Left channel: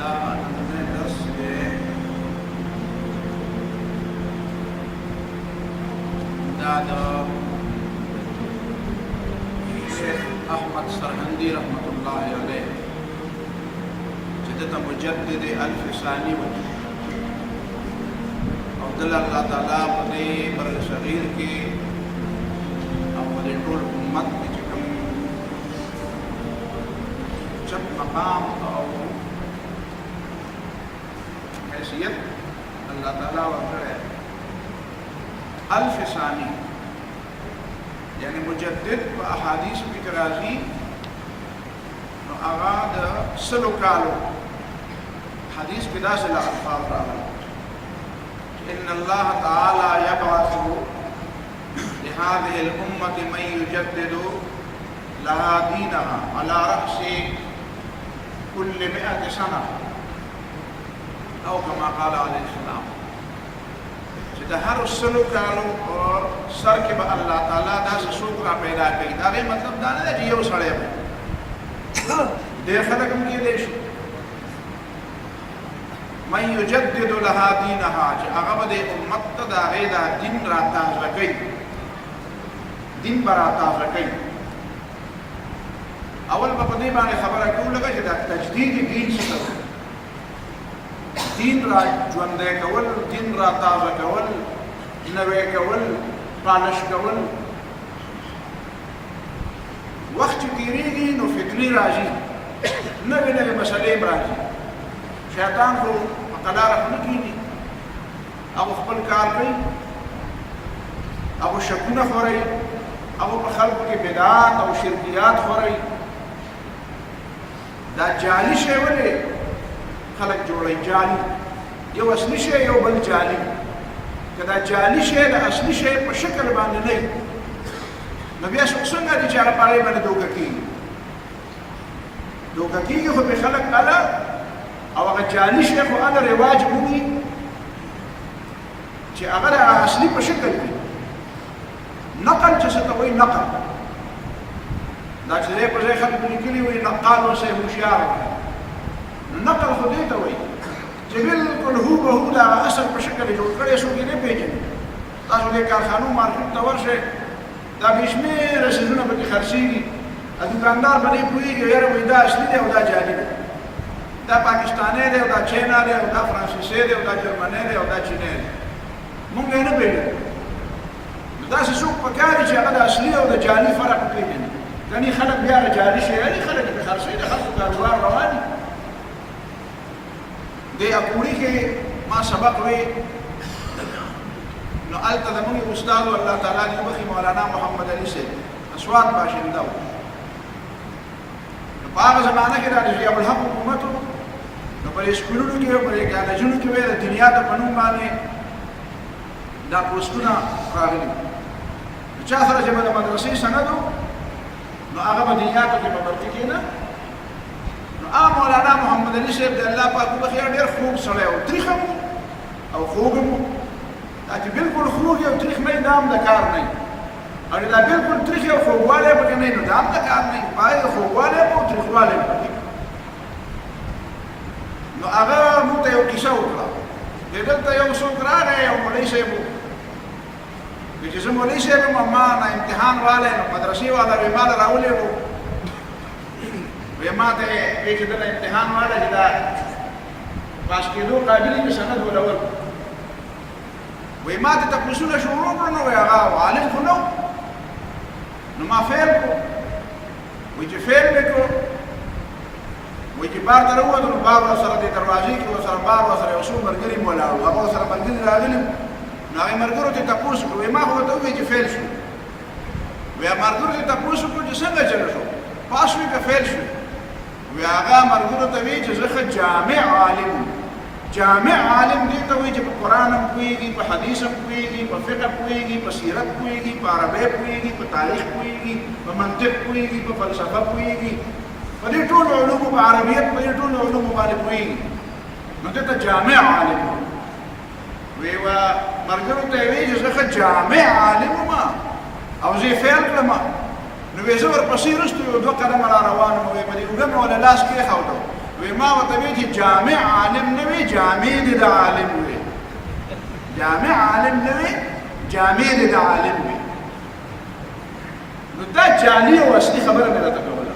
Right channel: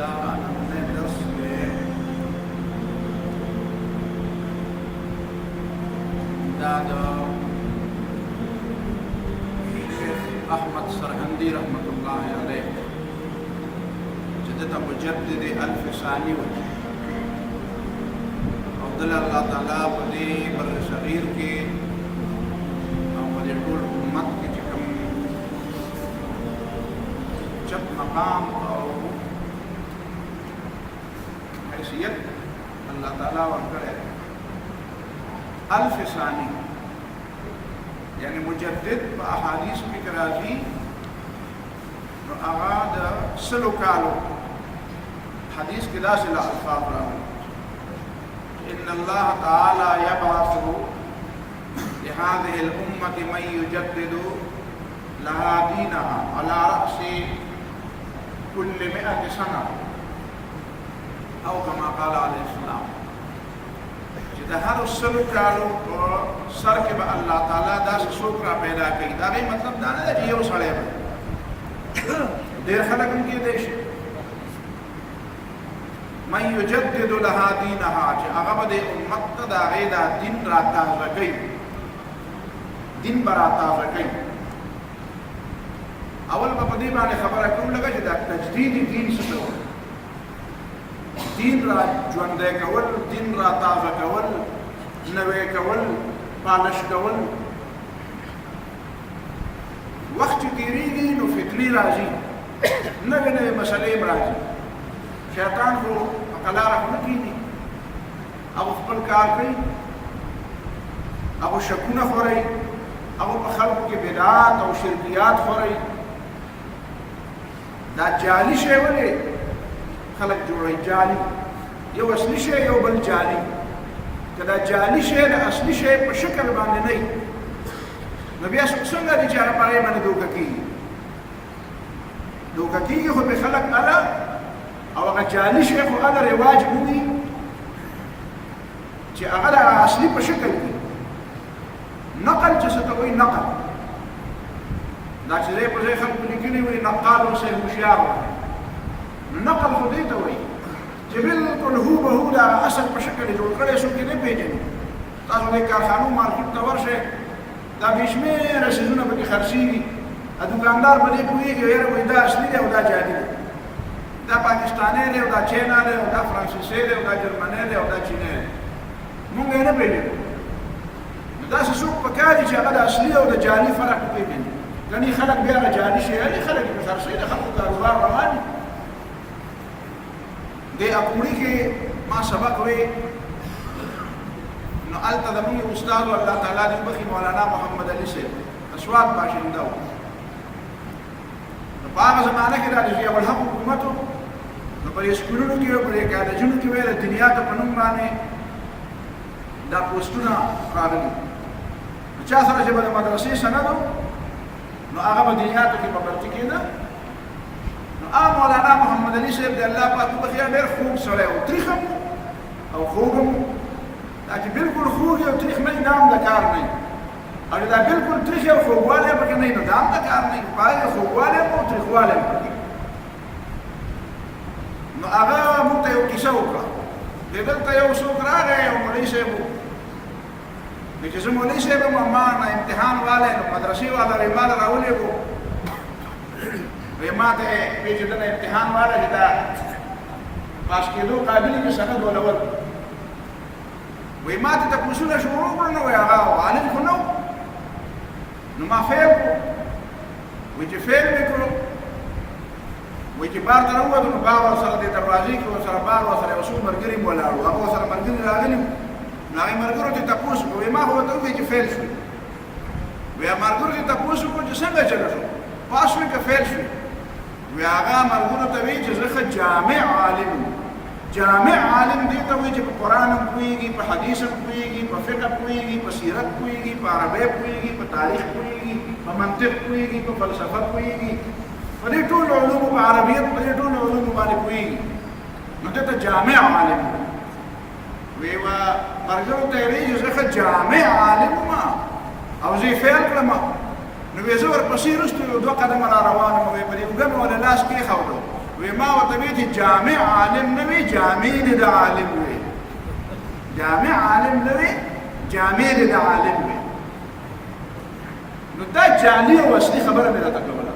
دا نننی درس کے دا شیخ احمد سرهندی رحمت اللہ علیہ جدتا مجدد الف ثانی وجه عبداللہ اللہ تعالیٰ پدے بر صغیر کے او پدے طول امت کی چکم چپ مقام او حیثیت اللہ تعالیٰ ورکڑے الف ثانی یعنی مجدد با احادیث فکر راضی نو اغاد سلو کالو حدیث کے دا سلا الفاظ راوی ان اللہ تعالی یبعث لهذه الامة من يجدد لها دینها على رأس كل 100 سنة او کما قال علیہ السلام چې د هر سلو کالو سر کې به الله تعالی داسې څوک را پیدا کوي دا غي مطلب دا نه دی چې یو سړی به ډېر خلک هم کېدی شي من یجدد لها دینها چې هغه به د امت ته د هغې دا دین را تازه کوي دین به را تازه کوي اول به په دې باندې خبره کوو لکه چې دا تجدید دین څه ته وایي دین را ژوندی کول دین را تازه کول نوی کول پالش کول وخت چې تېرېږي نو فتنې راځي نوې نوې مسلې هم راځي شیطان خو په قلاره خو نه کېني هغه خپل کار کوي هغه شکونه خورئ هغه په خلکو کې بدعات او شرکیات خورئ دا جعلي شی ولې خلق جوړي جعلي یو اصلي شی یو بل جعلي کدا جعلي شی د اصلي شی په شکل باندې نه نو بیا څنګه دي چې هغه پاره باندې دوکه کیږي خو به خلق الا او هغه جعلي شی خو الا رواج مومي چې هغه د اصلي په شکل کې نقل چې څه ته وایي نقل دا چې په ځای خلک لیکلي وي نقال او سه هوښیار نقل خو دې ته وایي چې بالکل هو به هو دا اصل په شکل جوړ کړی څوک یې نه پېژني تاسو د کارخانو مارکیټ ته ورشئ دا بې شمېره څیزونه پکې خرڅېږي دوکاندار به دې پوهېږي یاره وایي دا اصلي دی او دا جعلي دی دا پاکستانی دی او دا چینا دی او دا فرانسیسی دی او دا جرمنی دی او دا چینی دی مونږ یې نه پېژنو نو داسې څوک پکار دي چې هغه د اصلي او د جعلي فرق وپېژني ګنې خلک بیا هغه جعلي شی علي خلک یې پې خرڅوي د خلکو کاروبار روان دي دې اپوړي کې ما سبق وی نو الته زموږ استاد الله تعالی دې وبخي مولانا محمد علي صاحب اسوات باشنده نو په هغه زمانه کې د ضیاء الحق حکومت نو په اسکولونو کې په کالجونو کې د دنیا ته په نوم باندې دا پوسټونه راغلي نو چا سره چې به د مدرسې سند نو هغه په دنیا ته کې په برتي کېده مولانا محمد علي صاحب د الله پاک په خیر ډېر خوب سړی او تریخ هم او خوږ هم دا چې بالکل خوږ او تریخ نه دا هم د کار نه او دا بالکل تریخ او خوږوالی پکې نه نو دا هم د کار نه پای خوږوالی هم او تریخوالی هم پکې نو هغه موږ ته یو کیسه وکړه دلته یو څوک راغی یو مولوي صاحب وایي چې زه مولوي صاحب یم ما نه امتحان والی نو مدرسې والا وایي ما له راولېږو وی ما ته وی چې دنه امتحان والا چې دا پاس کېدو قابل چې سند ولور وی ما ته تپوسونه شروع کړو نو هغه عالم خو نو نو ما فیل کړو وی چې فیل مې کړو وی چې بار ته راووتو نو بار ورسره د دروازې کې ورسره بار ورسره یو څو ملګري مو ولاړو هغه ورسره ملګري راغلي نو هغې ملګرو ته تپوس کړو وی ما خو ورته وویل چې فیل شو وی ملګرو ته تپوس وکړو چې څنګه چلو شو پاس شوې که فیل شوې وی هغه ملګرو ته وایي چې زه ښه جامع عالم جامع عالم دې ته وایي چې په قرآن هم پوهېږي په حدیث هم پوهېږي په فقه پوهېږي په سیرت پوهېږي په عربۍ پوهېږي په تاریخ پوهېږي په منطق پوهېږي په فلسفه پوهېږي په دې ټولو علومو په عربیت په دې ټولو علومو باندې پوهېږي نو دې ته جامع عالم وی ملګرو ته یې وایي چې زه ښه جامع عالم یم او زه یې فیل کړم نو وی زه ورپسې وروسته یو 2 قدمه را روان وم په دې اوږه مې ورله لاس کېښودو وی ما ورته وی چې جامع عالم نه وي جامع دی د عالم وي جامع عالم نه وي جامع دی د عالم وي نو دا جعلي او اصلي خبره مې راته کوله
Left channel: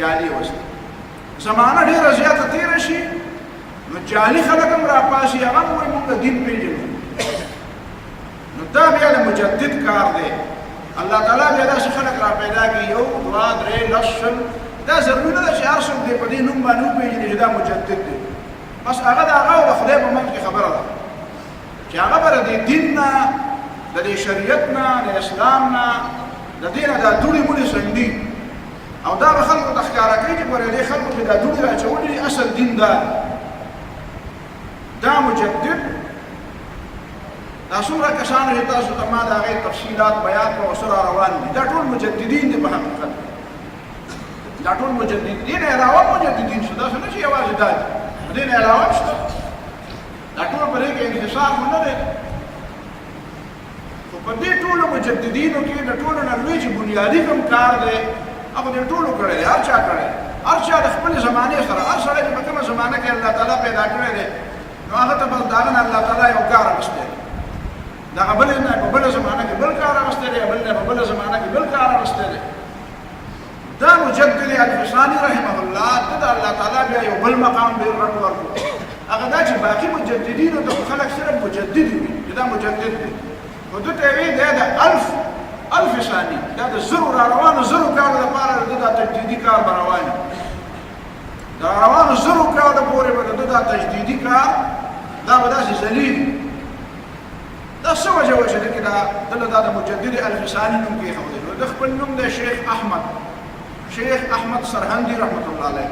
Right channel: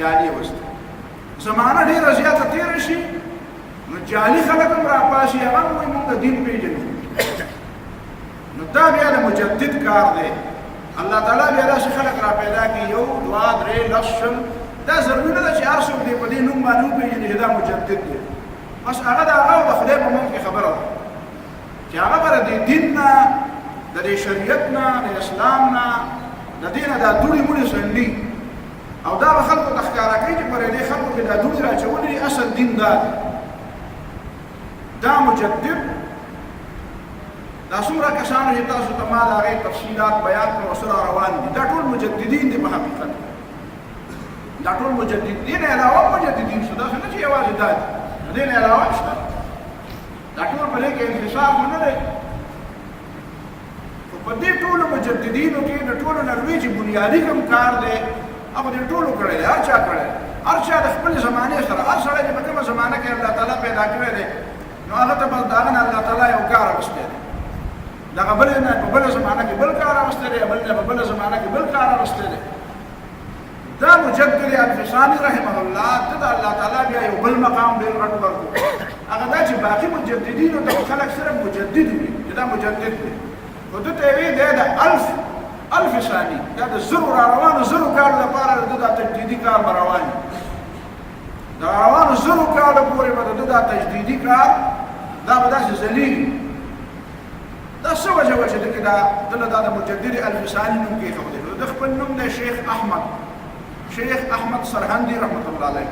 جعلي او اصلي زمانه ډېره زیاته تېره شي نو جعلي خلک هم راپاسي هغه هم وایي مونږ دین پېژنو نو دا بیا د مجدد کار دی الله تعالی بیا داسې خلک را پیدا کړي یو دوه درې لس شل دا ضروري نه ده چې هر څوک دې په دې نوم باندې وپېژني چې دا مجدد دی بس هغه د هغه او د خدای په منځ کې خبره ده چې هغه به د دین نه د دې شریعت نه د اسلام نه د دې نه دا دوړې موړې سنډي او دا به خلکو ته ښکاره کوي چې ګورې دې خلکو کې دا دوړې راچولي اصل دین دا دی دا مجدد دا څومره کسانو چې تاسو ته ما د هغې تفصیلات بیان کړو او سره روان دي دا ټول مجددین دي په حقیقت دا ټول مجددین علاوه مجددین شته داسې نه چې یوازې دا دي د دې نه علاوه شته دا ټول په دې کې انحصار خو نه دی خو په دې ټولو مجددینو کې د ټولو نه لوی چې بنیادي کوم کار دی هغه دې ټولو کړی دی هر چا کړی دی هر چا د خپلې زمانې سره هر سړی چې په کومه زمانه کې الله تعالی پیدا کړی دی نو هغه ته بس د هغه نه الله تعالی یو کار اخیستی دی د هغه بل نه په بله زمانه کې بل کار اخیستی دی بل نه په بله زمانه کې بل کار اخیستی دی دا مجدد الفساني رحمه الله د الله تعالی بیا یو بل مقام ډېر غټ ورکړو هغه دا چې باقي مجددینو ته خلک صرف مجدد وي چې دا مجدد دی خو ده ته وایي دی د الف ثاني دا د زرو را روانو زرو کالو لپاره د دا تجدیدي کار به روان وي د روانو زرو کالو پورې به د دا تجدیدي کار دا به داسې ذلیل دا څه وجه وه چې ده کې دله دا د مجدد الف ثاني نوم کېښودی نو د خپل نوم دی شیخ احمد سرهندي رحمت الله علیه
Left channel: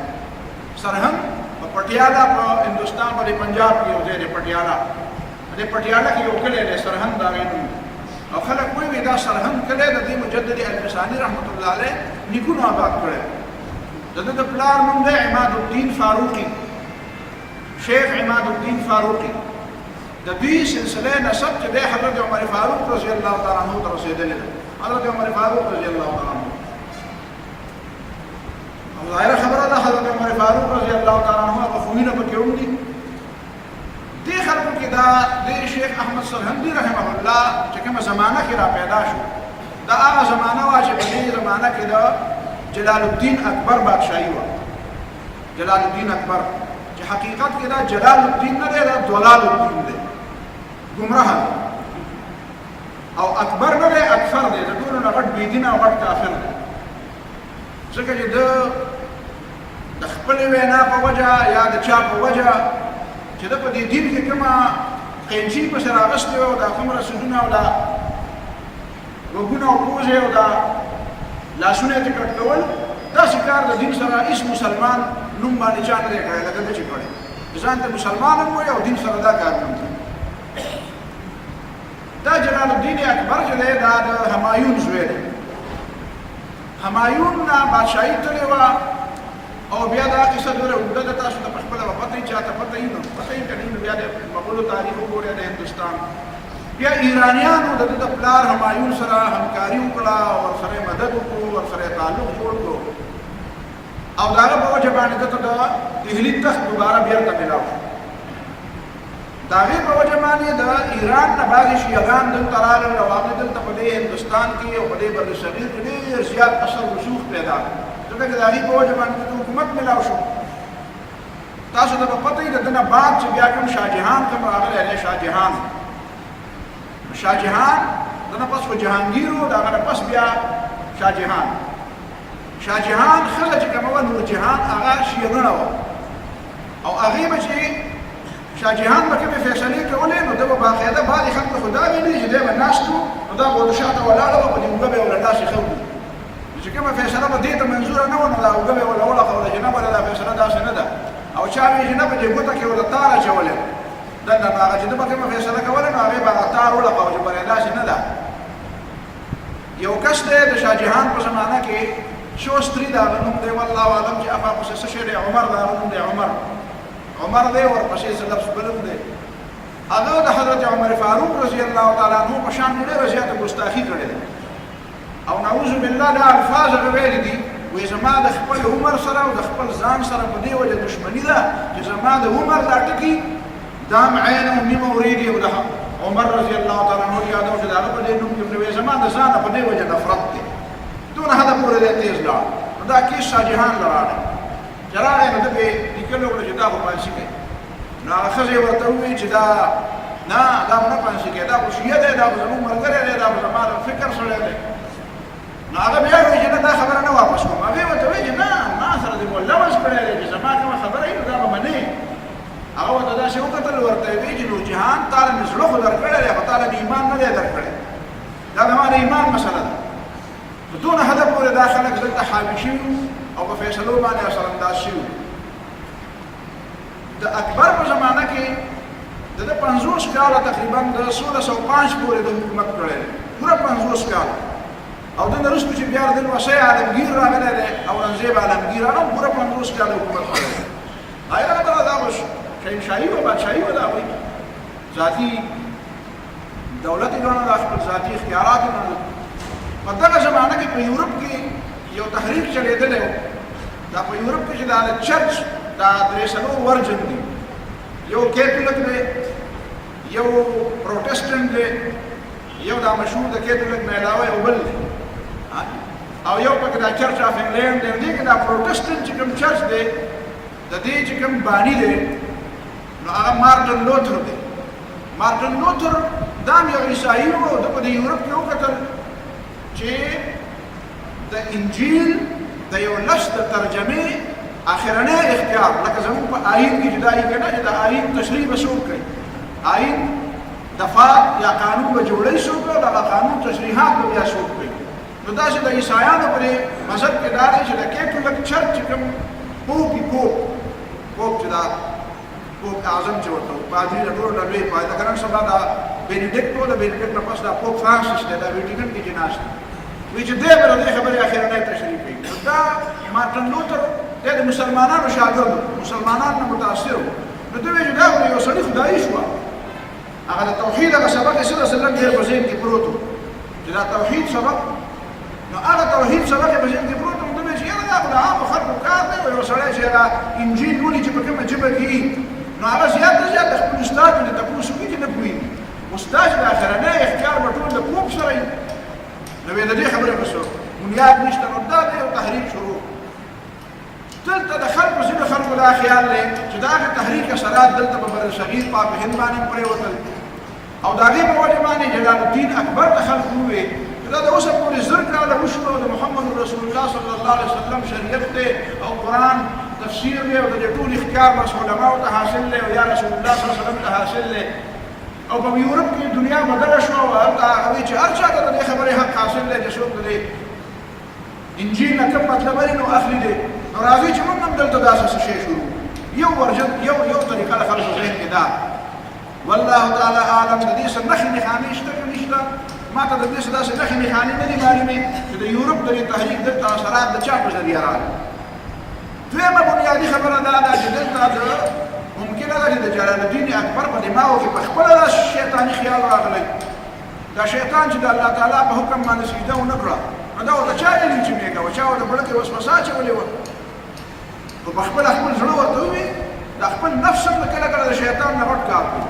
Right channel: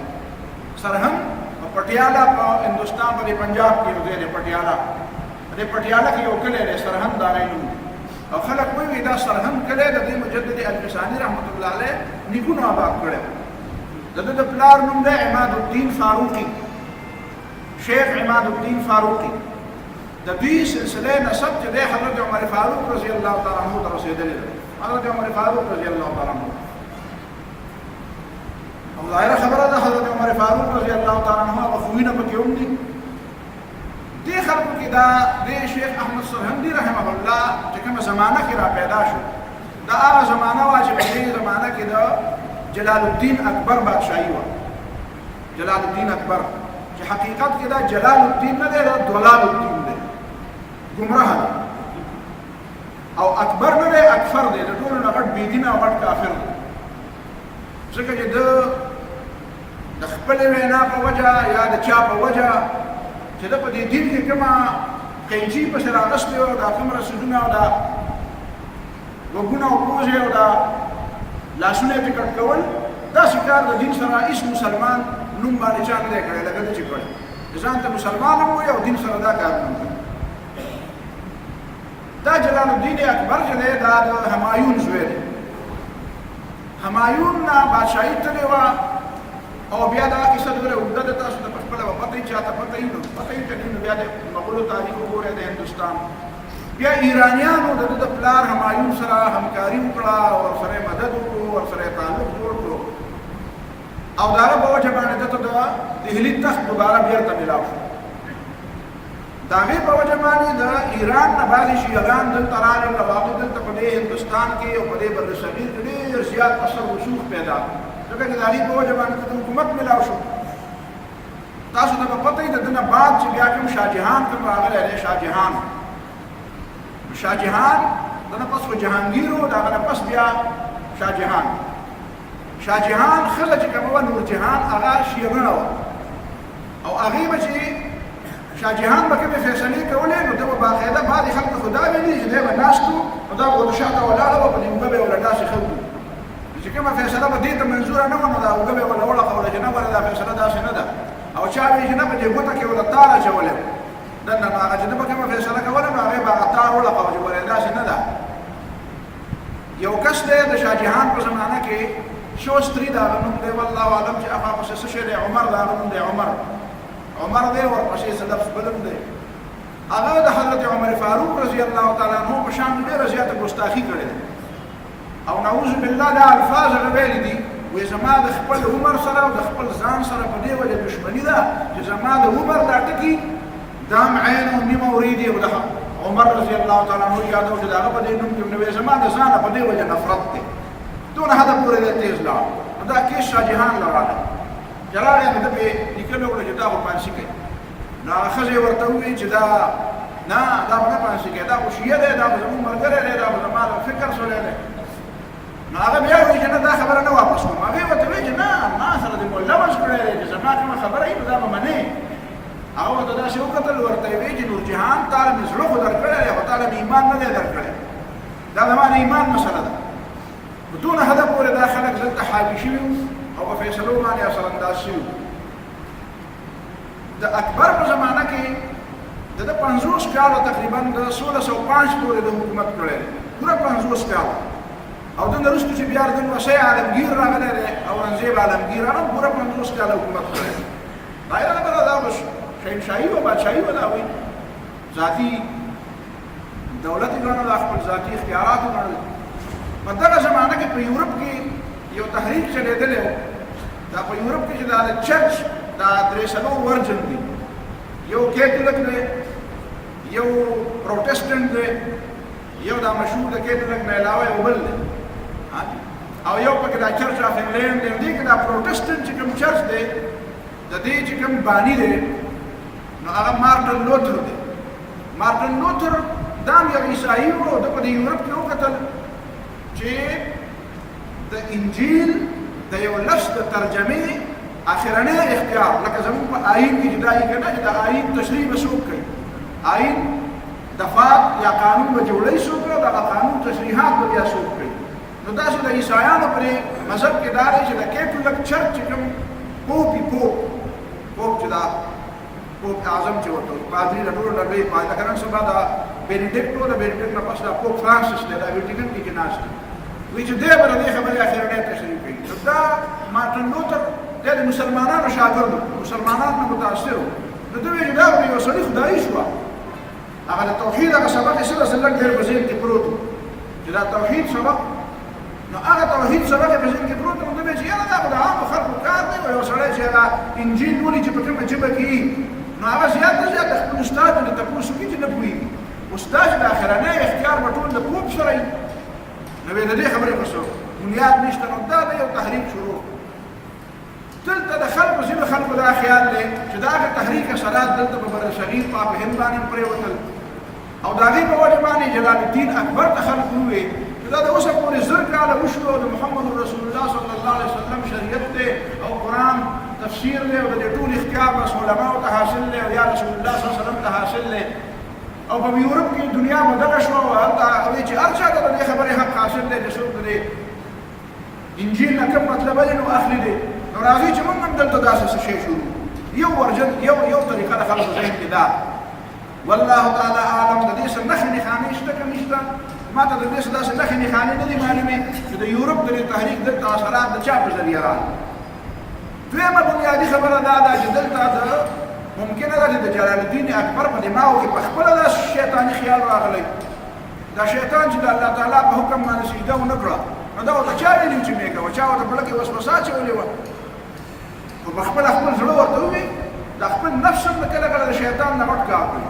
سرهند په پټیالا په هندوستان په پنجاب کې یو ځای دی پټیالا په پټیالا کې یو کلی دی سرهند د هغې نوم او خلک وایي دا سرهند کلی د دې مجدد الفساني رحمت الله علیه نیکونو آباد کړی د ده د پلار نوم دی عماد الدین فاروقي شیخ عماد الدین فاروقي د دوی سلسله نسب چې دی حضرت عمر فاروق رضی الله تعالی عنه ته رسېدلې ده حضرت عمر فاروق رضی الله تعالی عنه او ظاهره خبره ده حضرت عمر فاروق رضی الله تعالی عنه هغه خویونه پکې هم دي دې خلکو کې دا د شیخ احمد سرهندي رحمه الله چې کومه زمانه کې را پیدا شو دا هغه زمانه وه چې په دې زمانه کې د جلال الدین اکبر بادشاهي وه جلال الدین اکبر چې حقیقت کې دا جلال الدین نه دی دا ضلال الدین دی ګمراه دی او اکبر نه دی اکفر دی د ټولو نه غټ بېدینه او غټ کافر دی ځکه چې د خپلې وینا په وجه یا د چا په وجه چې ده په دې دین کې کومه قینچي پسې راغستې وه او دا څومره سودونه او دا غوږونه او پوزې او دا لاسونه یې ټکټ کول داسې کار د دین سره هېڅ مسلمان نوم باندې چا نه دی کړی لکه ده چې کړی ځان ته مسلمان هم وایي او دین سره دا کار نه کوي دا جلال الدین اکبر چې دی دا د همایون زوی دی همایون نه بادشاهي تللې وه او بیا دا کیسه دوره اوږده ده تاسو ته په خپله به پته وي چاته پته وي نو پته وي که نه نو بیا د مغولو تاریخ وګورئ د هندوستان بیا ایرانیانو د ده د پلار همایون سره همکاري وکړه او ورسره یې مدد وکړو ورسره یې تعلق جوړ کړو او د هغه په وجه باندې ده ته د دهلي تخت دوباره بېرته میلاو شو د هغې په وجه باندې د ایران نه بعضې شیعګان دلته راغلل او هغوی دلته په دې هندوستان کې او په دې بر صغیر کې ډېر زیات اثر رسوخ پیدا ځکه چې د هغې په وجه باندې د حکومت میلاو شو تاسو ته به پته وي د ده نه بعد چې بیا کوم شاهجهان کوم راغلی دی شاهجهان د نه پس خو جهانګیر و د هغه نه پس بیا شاهجهان ښځه چې کومه وه نورجهان هغه شیعګڼه وه او هغې به چې شاهجهان به کومې فیصلې کولې نو ده به باقاعده بعضې خلکو خو دا ویلي چې دی به ناست و نو دا به د شاته ولاړه وه په دې اوږه به یې ورله داسې ښه چې کومه فیصله به دې ته منظوره نه وه نو دا اوږه به یې ورله وړقوله چې نه ګوره دا فیصله داسې نه ده او چا وایي چې نه په دې ګوته کې ورله تار اچولی دننه نو هغه چې ده به کومه فیصله کوله نو هغې به هغه تار وړقوه چې ګوره داسې نه ده یو کس دی د شاهجهان په زمانه کې شوستري د هغه نوم دی والله اعلم چې هغه پسې څه شی دی عمر د هغه نوم دی عمر دی ورپسې څه لفظ بلم دی هغه د حضرت عمر فاروق رضی الله تعالی عنه په شان ډېره زیاته ګستاخي کړې ده او نعوذ بالله دا الفاظ هغه ویلي دي وی زما د خپل عمر سره او د خپل ځان سره په دې وجه دشمني ده چې زما د عمر دا ټکي دا عین او میم اوریدي او د عمر رضی الله تعالی عنہ یادو چې دا په دې نوم کې نو زما د ځان په دې وجه نفرت ده دون هدا پورې دې تیز لا دا کې شاه جهان لراله جراله نو د به لیکلو کړه چې دا په پانسي کې نو خزه ورته وی چې دا نه دا نه پانسي کې دا خو شیعه ده دا زموږ مرګره ده دا زما فکر سره ده نو هغه بیا وی چې دا خبره نه واپس کوم هغه ورته وی چې نه ما سره دې مولا واس کړی چې زما کوم خبره ای دا منه هغه ورته دا شی وکتل ورته وی چې نور جهان تعالی مزړه خو درکړی او تعالی ایمان نه دی درکړی دا د ایمان مسله ده بدون هدف پورې داخله دلته حاوی شي او په فیصلو باندې اثر انداز شي د اکبر په زمانہ کې د 50 کال تقریبا د 1605 پورې د حکومت کړی پورا 50 کال او د نرستو چې بیا د وصی عالمگیر راغلی دی اورنګزیب عالمگیر هغه پورا 50 کال حکومت کړی دا یې هغه دا وش شاهنشاهي او بادشاهي ولا وي ذاتی دولت ګڼل خپل ذاتی اختیارات ګڼل په دغه زمانہ کې په یورپ کې یو تحریک چلیدلی و دا په یورپ کې چې دا د چرچ دا درې څلور ورجن دي یو کیتولک دی یو پروټسټنټ دی یو دا مشهور د کیتولک نه علاوه یو بل دی او یو پکې دا چرچ اف انګلینډ دی دې کې دا پروټسټنټ چې کوم چرچ دی د دې چې کوم بانی دی نو هغه مارټن لوتر دی مارټن لوتر دا یو عیسائی و د په یورپ کې وکتل چې د انجیل د یو لفظ د ترجمه اخرنه اختیار لکه زموږ په آیین کې جدایي کنه چې د آیین تشریح وسوک کوي آیین دفات یا قانون به جوړی شو او د قانون تشریحات به بیا شوک کوي نو دا چې د عیسایانو پر مذهب کې دا دی چې د کیتولک چرچ کوم پوپ چې دا پوپ اعظم چې ورته پادری د ټولو لوی پادری کنه سبا دا بینیډیکټ او د بینیډیکټ نه پس دا پوپ فرانسیس دی دا ویټیکن کې جناز وی چې دې بر دې خبره اخرنه تشریح کوي دا مارټن لوتر د مسلمانانو شاګرد مسلمانانو متاثر نو دوی چې دا یو سړي خدای شو هغه د توحید هغه سبق یې سره سلنګ ډېر په ذهن کې پروت چې دا توحید سبق نو هغه توحید سبق په ذهن کې پروت نو دوی چې یاره دا خدای عام خلکو کار دی یو سړی چې هغه انجیل ولې چې په کومه جبه کې نو هغه زیات خپل استاد ته تاسو کې نه پوهیږي استاد د اخرنه اختیار په ټول د پوپ سره نو د دې خبره وسو بنیاد نشته نو دا یو تحریک شروع دلته د خلکو زینو خلکو دا خیال لري چې دا تحریک اثرات دلته په بر صغیر پاک هند باندې پرې وتل او دا غي په وجه باندې جلال الدین اکبر ته خلکو وي چې دا د اوسه پورې زر کاله وشو د محمد رسول الله صلی الله علیه وسلم شریعت ته او قران تفسیر له او د ټول اختیار مس علماء ته حاصل له او یا رسول الله صلی الله علیه وسلم ته حاصل له او په یورپ کې دنیا بدل شو او هغه چې هر چا ته د خبره حق حاصل له چې څوک دی انجیل نه کوم مطلب نو اخلي دي نو راځي چې موږ هم دلته داسې شی شروع یو ورجن یو طریقه له خلکو ذهن کې دا والله تعالی اعلم د دې څخه نه خانې شته که نشته ما ته د دې څخه داسې نه خانې نه دي معلومې چې د یورپ د تحریک د اثرات د چا په ذریعه راغلي دویمه بنیادي خبره دا ده چې دلته د ممکنه ده چې د جلال الدین اکبر په دماغو کې په خپله دا شیطاني خیال راغلی دا شیطان چې د الله تعالی په حکم باندې سجده ونه کړه نو دا ورته چا ویلي چې مې کوه چا ورته بړه کې وسوسه اچولې وه خو په خپل زړه ورته ووي د خپل نفس هم کله کله د شیطان نه غټ کار کوي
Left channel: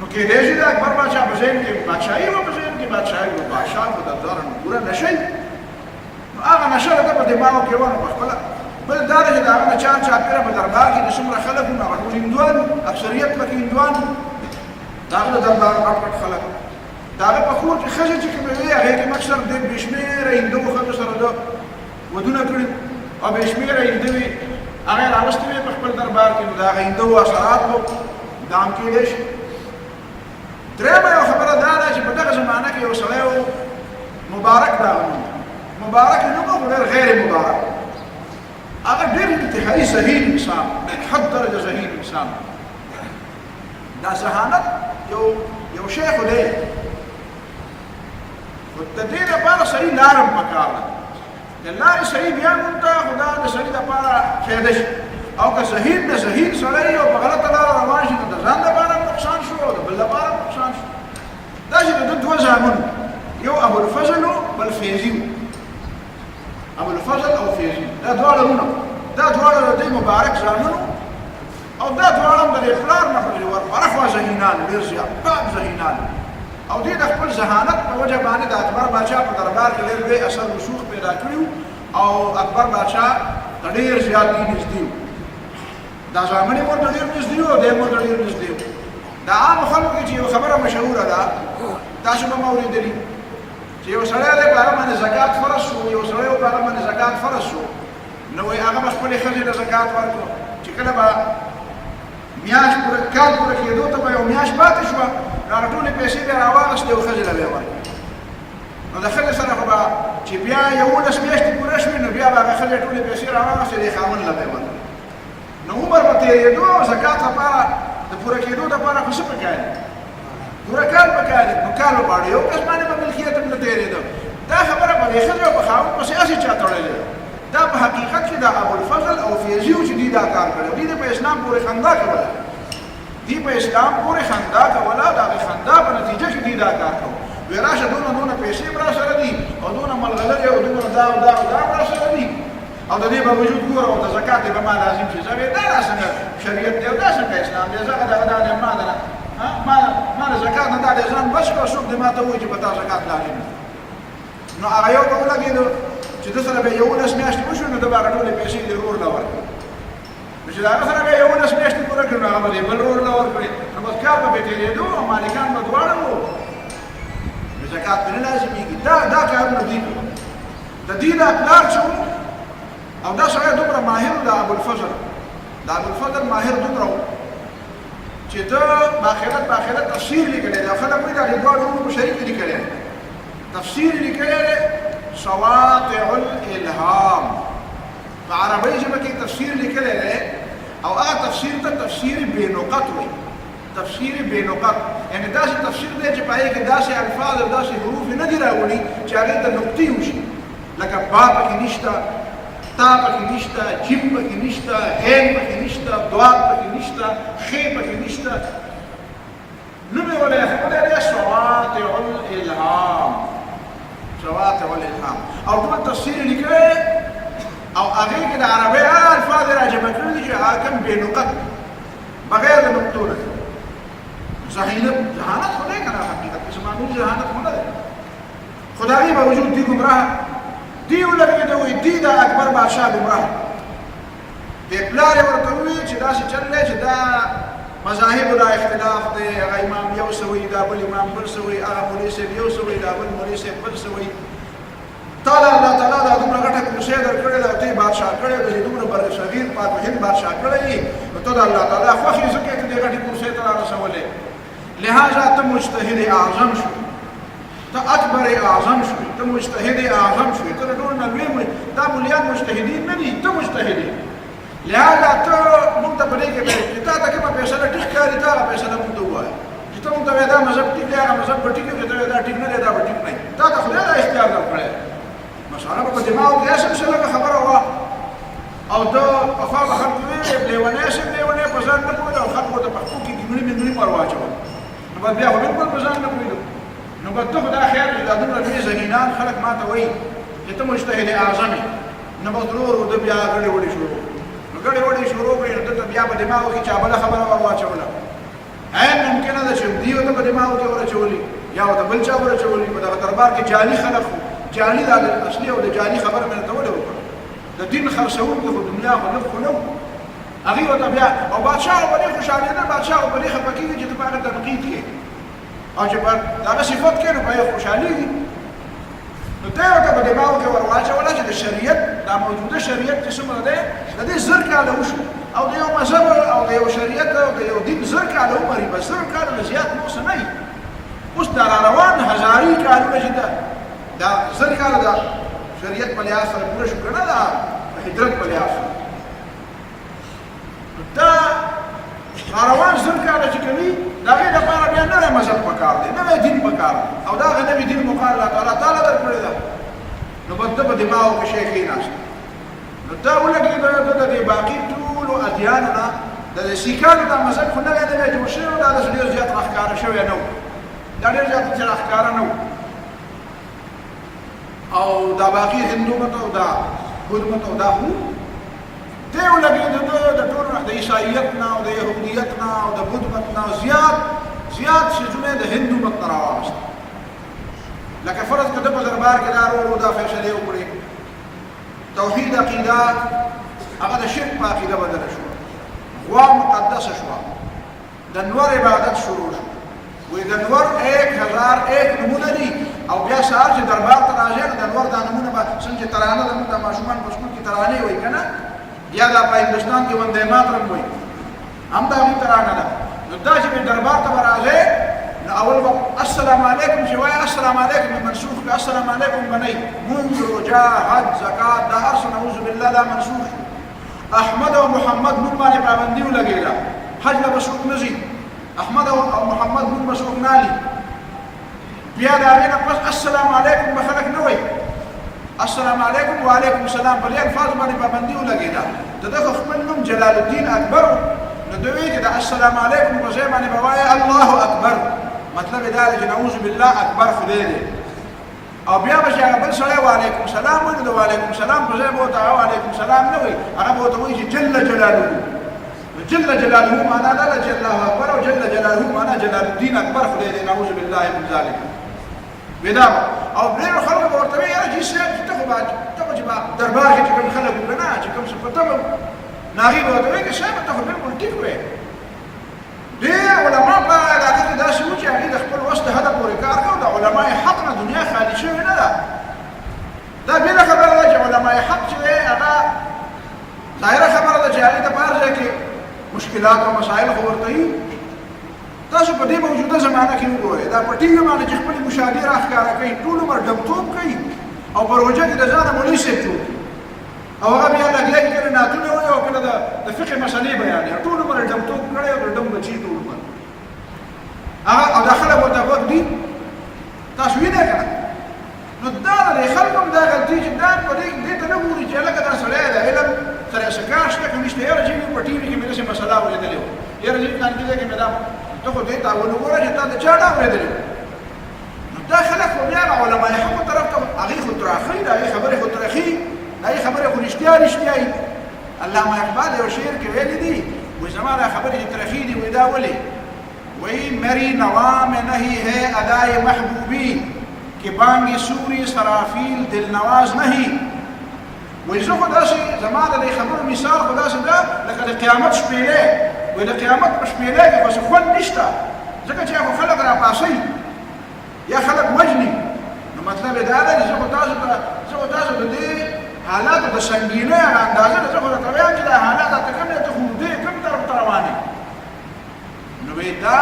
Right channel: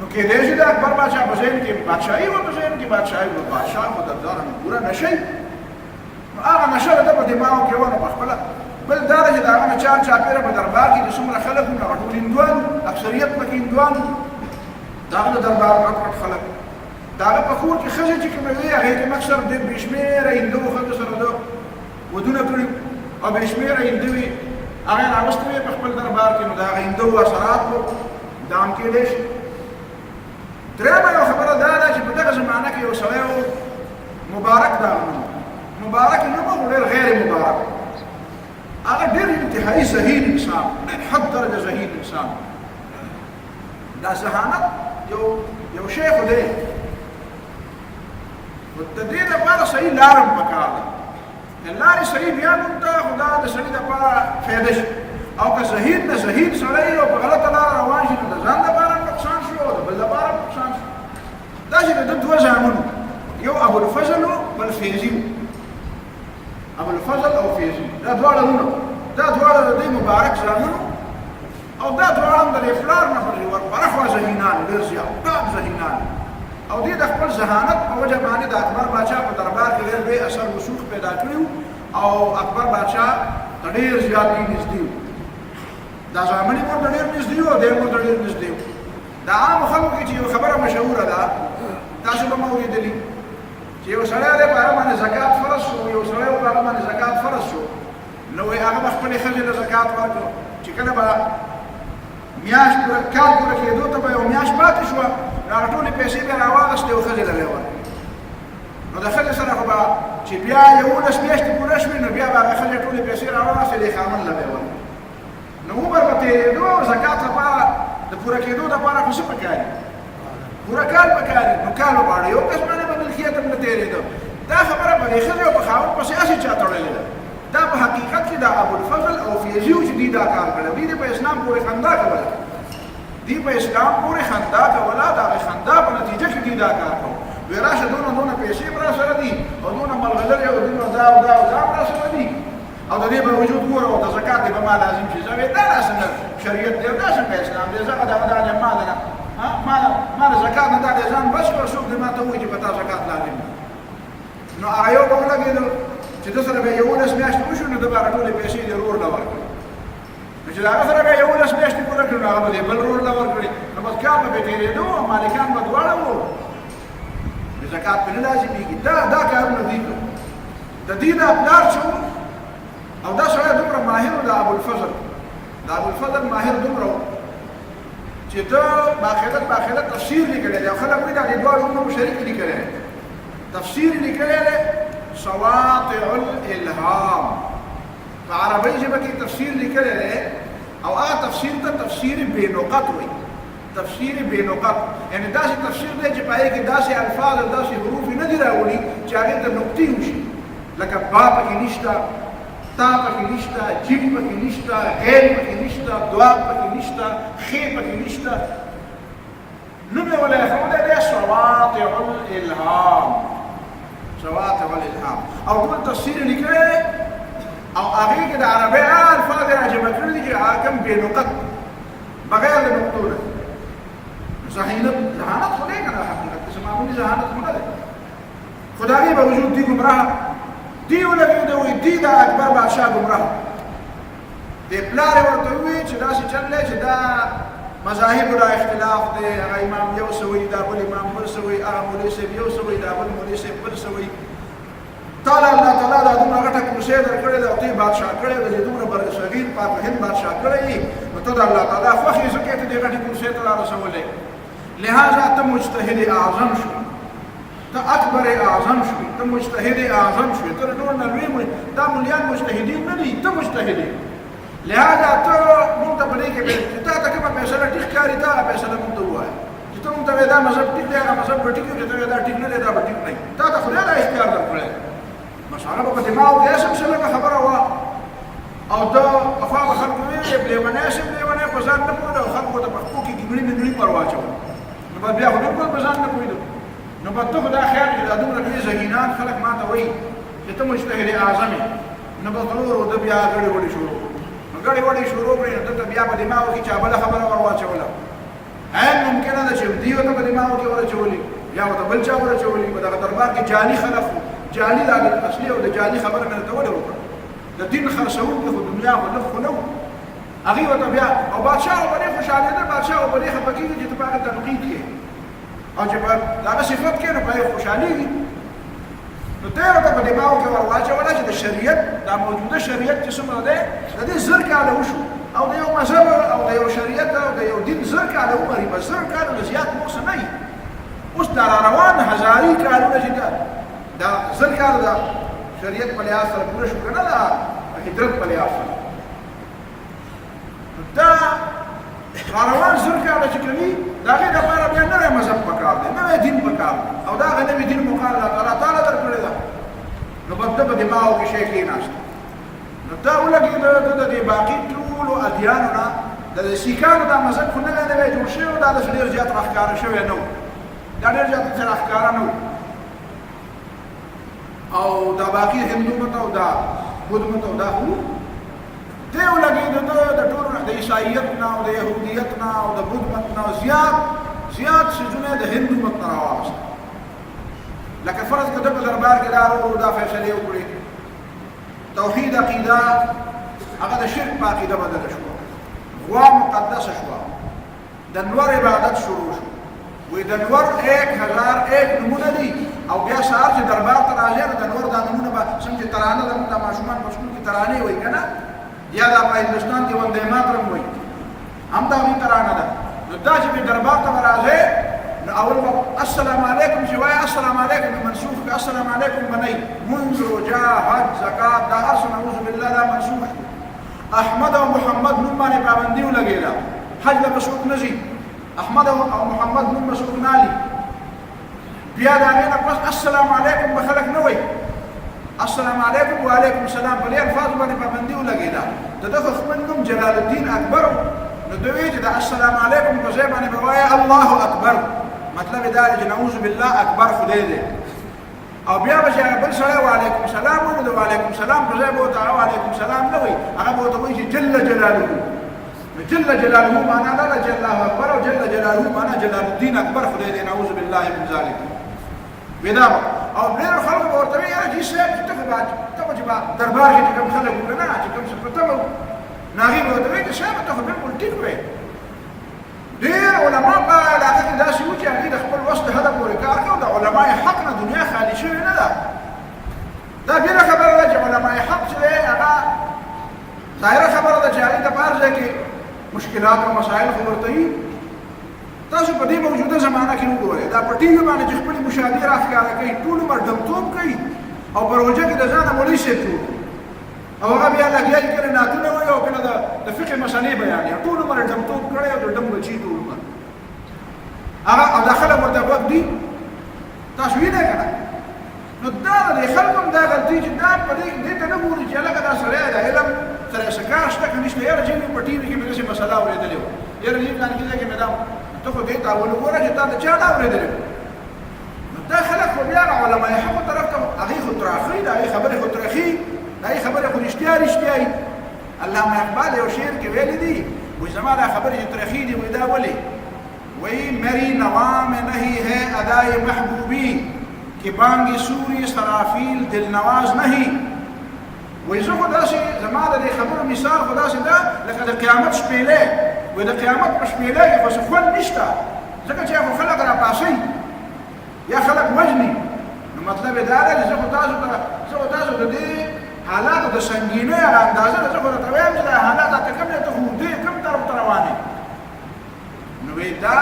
نو کېدای شي د اکبر بادشاه په ذهن کې بادشاهي وه په ذهن کې بادشاهي وه بادشاه خو د ځان پوره نشئ نو هغه نشه ده په دماغو کې وه نو په خپله بل دا چې د هغه نه چار چاپېره په دربار کې د څومره خلک وو هغه ټول هندوان اکثریت پکې هندوان د هغه د دربار غټ خلک د هغه په کور کې ښځې چې کومې وې هغې کې اکثر د بې شمېره هندو ښځو سره د ودونه کړي او بې شمېره هندو وې هغه یې راوستې وې په خپل دربار کې نو د هغه هندو اثرات وو دا هم کېدی شي درېیمه یو خبره دا ده چې په دغه زمانه کې یو سړی و مبارک د هغه نوم مبارک نوم و ډېر غیر مبارک هغه ډېر انتهایي ذهین انسان ډېر حد درجه ذهین انسان دا ذهانت یو شی خو دی خو د دې لپاره صحیح لاره هم پکار ده د لارې صحیح بیا مونږ ته خو دا د سړي دپاره فایده شي او که ذهین نه ذهین سړی او په غلطه لاره روان شي نو د ځان لپاره هم نقصان شو او د بل لپاره هم نقصان شو داسې د ده دوه زامن یو ابوالفضل و بل فیضي و ابو الفضل او فیضی دا دواړه ورونه دا دواړه د دې مبارک زامنو او دا دواړه د پلار نه پر ورخوا ذهینان ډېر زیات پاک ذهینان او دې د خپل ذهانت په وجه باندې د اکبر بادشاه په دربار کې ډېر لوی اثر رسوخ پیدا کړیو او اکبر بادشاه ته ډېر زیات نږدې و دا زامن یې ورته ډېر نږدې و او دی یې ورته ډېر نږدې و د عامو خلکو کې چې یو خبره مشهوره ده تاسو به م اورېدلي چې یو سړی دی په هغه باندې زکات فرض شو یو سړی په هغه باندې زکات فرض شو نو وایي هغه به خپلې ښځې له زکات ورکړو چې کله به میاشت کال پوره کېدو ته به یو میاشت پاتې شوه نو هغه ټولې پیسې بیا راواغېستې او ښځې له به یې ورکړې نو د ښځې سره خو به چې بیا 11 میاشتې پوره شوې نو بیا به هغه ښځې ټولې پیسې راواغېستې د خاوند له به یې ورکړې نو عمر به تېرېدو او زکات لپاره د پوره کېدو دپاره خو څه پکار دي پوره کال پکار دي نو کال به غواړي یو کس باندې به ملکیت هم نه تېرېده دا خبره په دې ښځې او په خاوند پسې هسې چا تړلې ده دا په حقیقت کې د ابوالفضل او فیضي و چې دوی دا کار کړی دوی په اسلام پورې خندا کوله دوی په اسلام پورې خندا کوله د هغې خندا په نتیجه کې دوی دا کار کوو وی راشه دونه پیسې هم راسره دي او دونه ملغلرې او دونه دا او دا او دا هم راسره دي او د دې باوجود ګوره او د زکات دی به ما لازم شي زه دا څنګه شریعت دی او دا څنګه اسلام دی زه دغه دا دی ما نه ما د زکات نه دا دی ځان بچ کړه څوک دې ما ته وایي چې په تا زکات لازم دی نو هغه یو به ولګېدو چې ده سره به 11 میاشتې وشو نو ده به هغه ټولې پیسې دې رور له ورکړي نو چې د هغه سره به 11 میاشتې پوره کړي نو هغه به دې بل رور له ورکړي نو بس کال به تېرېدو او مالکان به دواړه وو نو زکات پرې نه لازمېږي دا کارونه دوی کوي د دې دا پلار چې و او دا سړی دومره ماهر و د ابوالفضل ماهر دومره و چې ده باقاعده تفسیر لیکلی دی او خلک وایي دا دې دواړو وروڼو په شریک لیکلی دی تفسیر لیکلی دی سواطع الالهام په عربۍ ژبه کې تفسیر لیکلی دی او هغه تفسیر ته تفسیر بېنقط وایي تفسیر بېنقط یعنې داسې تفسیر دی چې په هغې کې داسې الفاظ او داسې حروف نه دي راوړي چې هغې ته نقطې وشي لکه با پکې نشته تا پکې نشته جیم پکې نشته غین پکې نشته دواب پکې نشته خې پکې نشته نوم یې ولی ایښودی دی سواطع الالهام او ټول تفسیر یې لیکلی او هغې کې د عربۍ هغه الفاظ یې راجمع کړي دي چې هغه کوم بېنقط بغیر د نقطو نه دي ذهانت خو دی که نه حقیقت کې څه معمولي ذهانت خو نه دی خو د هغې باوجود دی ګمراه دی ولګېده وایي دی د اکبر بادشاه ګمراه دې پلار یې ورته ووایي چې داسې چل دی چې دا مذاهبو دا اختلاف دی هغه امام یو څه وایي دا بل امام بل څه وایي هغه مولوي صاحب یو څه وایي دا بل مولوي صاحب بل څه وایي تا له الله تعالی دا دومره غټه کرسۍ درکړې ده او ته یې بادشاه کړې ده چې دومره برصغیر پاک هند بادشاه کړی یې نو ته د الله تعالی خوښ یې ځکه ته دې غټې کرسۍ ته رارسولی لهذا ته مجتهد اعظم شوې ته اکبر اعظم شوې ته مجتهد اعظم شوې ته د ټولو نه لوی دا مولیان مجتهدین نه دي ته مجتهد یې لهذا ته مونږ ته په دې کې چې تا ته کومه فیصله ټیک ښکاري ته هغه فیصله مونږ ته ووایه چې ته مونږ ته وایې دا مذهب ټیک دی هغه مذهب به ټیک وي چې ته وایې دا ټیک نه دی دا به ټیک نه وي تا ته خدای دا اختیار درکړی بس هغه به په دماغو کې هسې لږه خبره وه او ته پخوا به خلکو ویل لیونی هسې لیونی په ځان نه پوهېده او خلکو ته پښتو کې ګنګړي منګړي ور واچول نو بس بیا خو بلکل په ځان نه پوهېدو نو بس ته خو دا خیال چې دا دومره لوی ذهینان خلک ما ته وایي چې ته مجتهد اعظم یې نو بس ورو ورو ده بیا ګړې وړې شروع نو ګړې وړې شروع کړې نو دلته بیا په دماغو کې چا بله خبره ور واچوله عین ممکنه ده چې دوی ورته په دماغو کې ور اچولي یا ورته بل چا ور اچولي په دغه دربار کې جعلي خلک وو جعلي دا د اصلي او د جعلي خبره مې ورته ولې وکړه د دین خرڅوونکي خو دنیا خو لږ خو نه وو هغې ورته بیا او بادشاه به دې خوشحالېده بادشاه به دې خفه کېږي چې ته په هغه تنقید کې او چې په دغه صفت کې نو په هغې خوشحالېږي نو دی ورته په دماغو کې ور واچوله چې د شریعت دا موجوده شریعت چې څومره دی د دې 1000 کاله وشو او د یو مذهب او د یو شریعت او د یو دین 1000 کاله ومري بس 1000 کاله نه زیات نور څه نه وي اوس دا راروان هزاري کالونه چې دا 1000 کاله د شریعت په لحاظ سره پوره شو که نه دا هجرت په لحاظ سره نو دا راروان 1000 کاله چې کوي د هغې دپاره بیا نوی مذهب پکار دی نوی دین پکار دی او د هغه نوي دین مقام الله تعالی درکړې ده نو بس ده په دماغو کې شی کېناسته نو دا ولګېده ده د دې باقي ټولو ادیانو نه د سیکانو دا مذهب خو نوی جوړ شوی دا داسې ډېر زیات راښکاره شوی نه و دا ډېر زیات راښکاره نه و او دا باقي هندو مت او دا بودھ مت او دا خو دیو لګي د ټولو د عیسایت نه او د يهودیت نه او د بودھ مت نه زیات شیزونه د هندو مت نه راوست لکه فرض کده په دربار کې دارو دا فیصله وکړي توحید عقیده هغه د شرک په عقیده بدل شو غوا مقدس شو د نور عبادت شروع شو وې د نور 1001 نمونه دي او بیا سهار چې دربار ته راځي نو د نور د نمونه به څنګه ترانه د ماشومان په سکول کې ترانه وای کنه یا د هندستان کې وندې ماترم وای هم دا وی ترانه ده نو دا چې دربار ته راځي نو اول به السلام علیکم شوای السلام علیکم منسوخ السلام علیکم بنی منذر جاهد زکات دا ارس نعوذ بالله لا منسوخ احمد او محمد نوم باندې پابندي ولګیلا حج له مسوق نزي احمد او محمد نوم مسوق نالي بیا دا غینه پس السلام علیکم بخلق نه وای السلام علیکم وعلیکم السلام په الفاظ باندې پابندي ولګیلا دغه خپل نوم جلال الدین اکبر نو دوی چې د السلام علیکم په ځای باندې بوای الله اکبر مطلب دا دی چې نعوذ بالله اکبر خدای دی او بیا به چې بل سره وعلیکم السلام وایي نو وعلیکم السلام په ځای به ته وعلیکم السلام نه وایي هغه به ته وایي چې جل جلاله جل جلاله معنا لا جل الله اکبر او جل جلاله معنا جلال الدین اکبر خدای دی نعوذ بالله من ذلک ودا او ډېر خلک به ورته وایي چې صاحب چې ته چې دربار کې کوم خلک وکړه چې کوم څه پته ناغي به ورته وایي چې صاحب ته بالکل ټیک وایي ډېر علما په علاقه کې داسې وو چې هغوی د خپل وس د هدف پورې کار کوي د علماء حق نه دنیا خالي شوې نه ده دا بېله خبره ده چې علماء حق چې دی هغه ظاهره خبره ده چې هغوی ته په هر ځای کې مشکلات او مسایل خو ورته وي تاسو په دې موجوده زمانه کې وګورئ دا په ټي وي باندې چې خپلې مشاهدې راښکاره کوي ټول عمر ډمتوب کوي او په روژه کې د ځانه مولوي صاحب جوړ او هغه بیا لګیا دي کله نعتونه وایي او کله د فقه مسلې بیانوي ټول عمر ډمتوب کړی او د ډم بچي ټول عمر هغه او دا خلک ورته غوږ دي تاسو وینئ که نه نو دا د خلکو هم دا غلطي چې دا په دې ته نه ګوري چې هلکه دا سړی د علم سره یې څه کار شته که نشته یاره چې په ټي وي کې مې داسې مسله اورېدلې وه یاره چې فلانکي ځای کې مې دا ته خو دې ته ونګوره چې تا د چا نه اورېدلې وه نو دا خلک خو بیا علماء حقو طرف ته هغې خو تراخي د هغې خبرې خو ترخي دا یې خبرې خو رښتیا وي علامه اقبال یو شعر کې ویلي دي وایي زما دا خبرې چې ترخي دي وایي دا ولې وایي مری نوا میں نہیں ہے ادائے محبوبی کہ بانگ سوری سرافیل دل نواز نہیں وایي زه خو داسې زما د دې خبرو مثال خو داسې ده لکه د قیامت شپېلې وایي د قیامت په شپېلې کې خو څه خوند نشته ځکه چې خو خلک راپاسوي یا خلک وژني نو مطلب یې دا دی چې زه خو تاسو د دې حالاتو د سنګینۍ هغه اندازه ده زه خو درته وایم چې دا حالات راته کوم دی ته خو دې کوم طرف ته روان یې نو وایي دا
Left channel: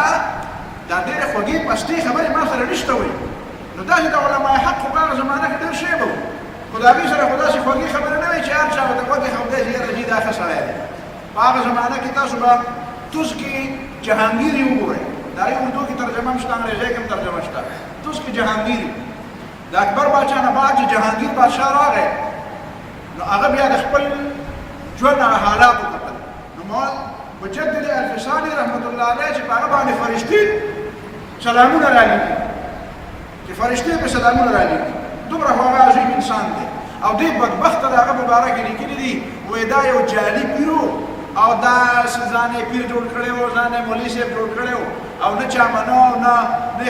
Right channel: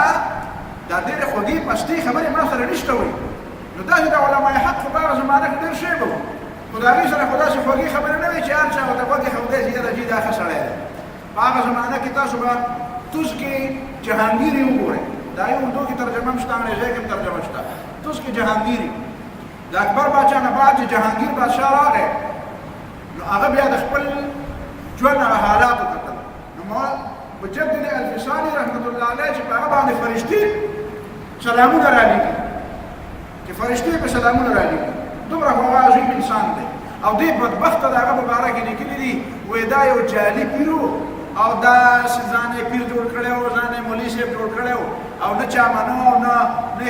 ډېرې خوږې پستې خبرې ما سره نشته وایي نو داسې د علماء حق خو په هغه زمانه کې ډېر شی به و خو د هغې سره خو داسې خوږې خبرې نه وایي چې هر چا ورته غوږ ایښودی چې یاره جي دا ښه سړی دی په هغه زمانه کې تاسو به توس کې جهانګیري وګورئ دا یې اردو کې ترجمه هم شته انګریزۍ کې هم ترجمه شته توس کې جهانګیري د اکبر باچا نه بعد چې جهانګیر بادشاه راغی نو هغه بیا د خپل ژوند هغه حالات وکتل نو مجدد الفساني رحمت الله علیه چې په هغه باندې فرشتي سلامونه رالیږي چې فرشتي په سلامونه رالیږي دومره خو هغه عظیم انسان دی او دې بدبخته د هغه په باره کې لیکلي دي وایي دا یو جعلي پیرو او دا ځان یې پیر جوړ کړی و ځان یې مولوي صاحب جوړ کړی و او نه چا منو نه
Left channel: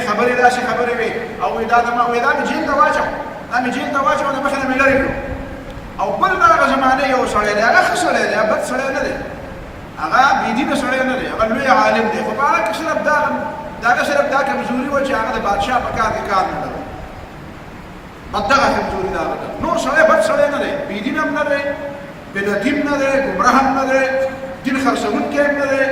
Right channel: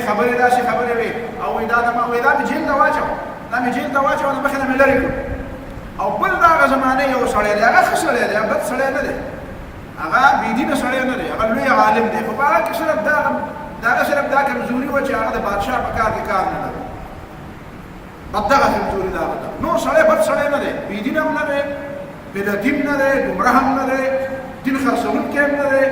خبرې داسې خبرې وې او وایي دا مې جیل ته واچو دا مې جیل ته واچو د مخې نه مې لرې کړو او بل د هغه زمانې یو سړی دی هغه ښه سړی دی بد سړی نه دی هغه بېدینه سړی نه دی هغه لوی عالم دی خو په هغه کې صرف د هغه صرف دا کمزوري وه چې هغه د بادشاه په کار کې کار نه لرو بد دغه کمزوري د هغه ده نور سړی بد سړی نه دی بېدینه هم نه دی بدعتي هم نه دی ګمراه هم نه دی دین خرڅوونکی هم نه دی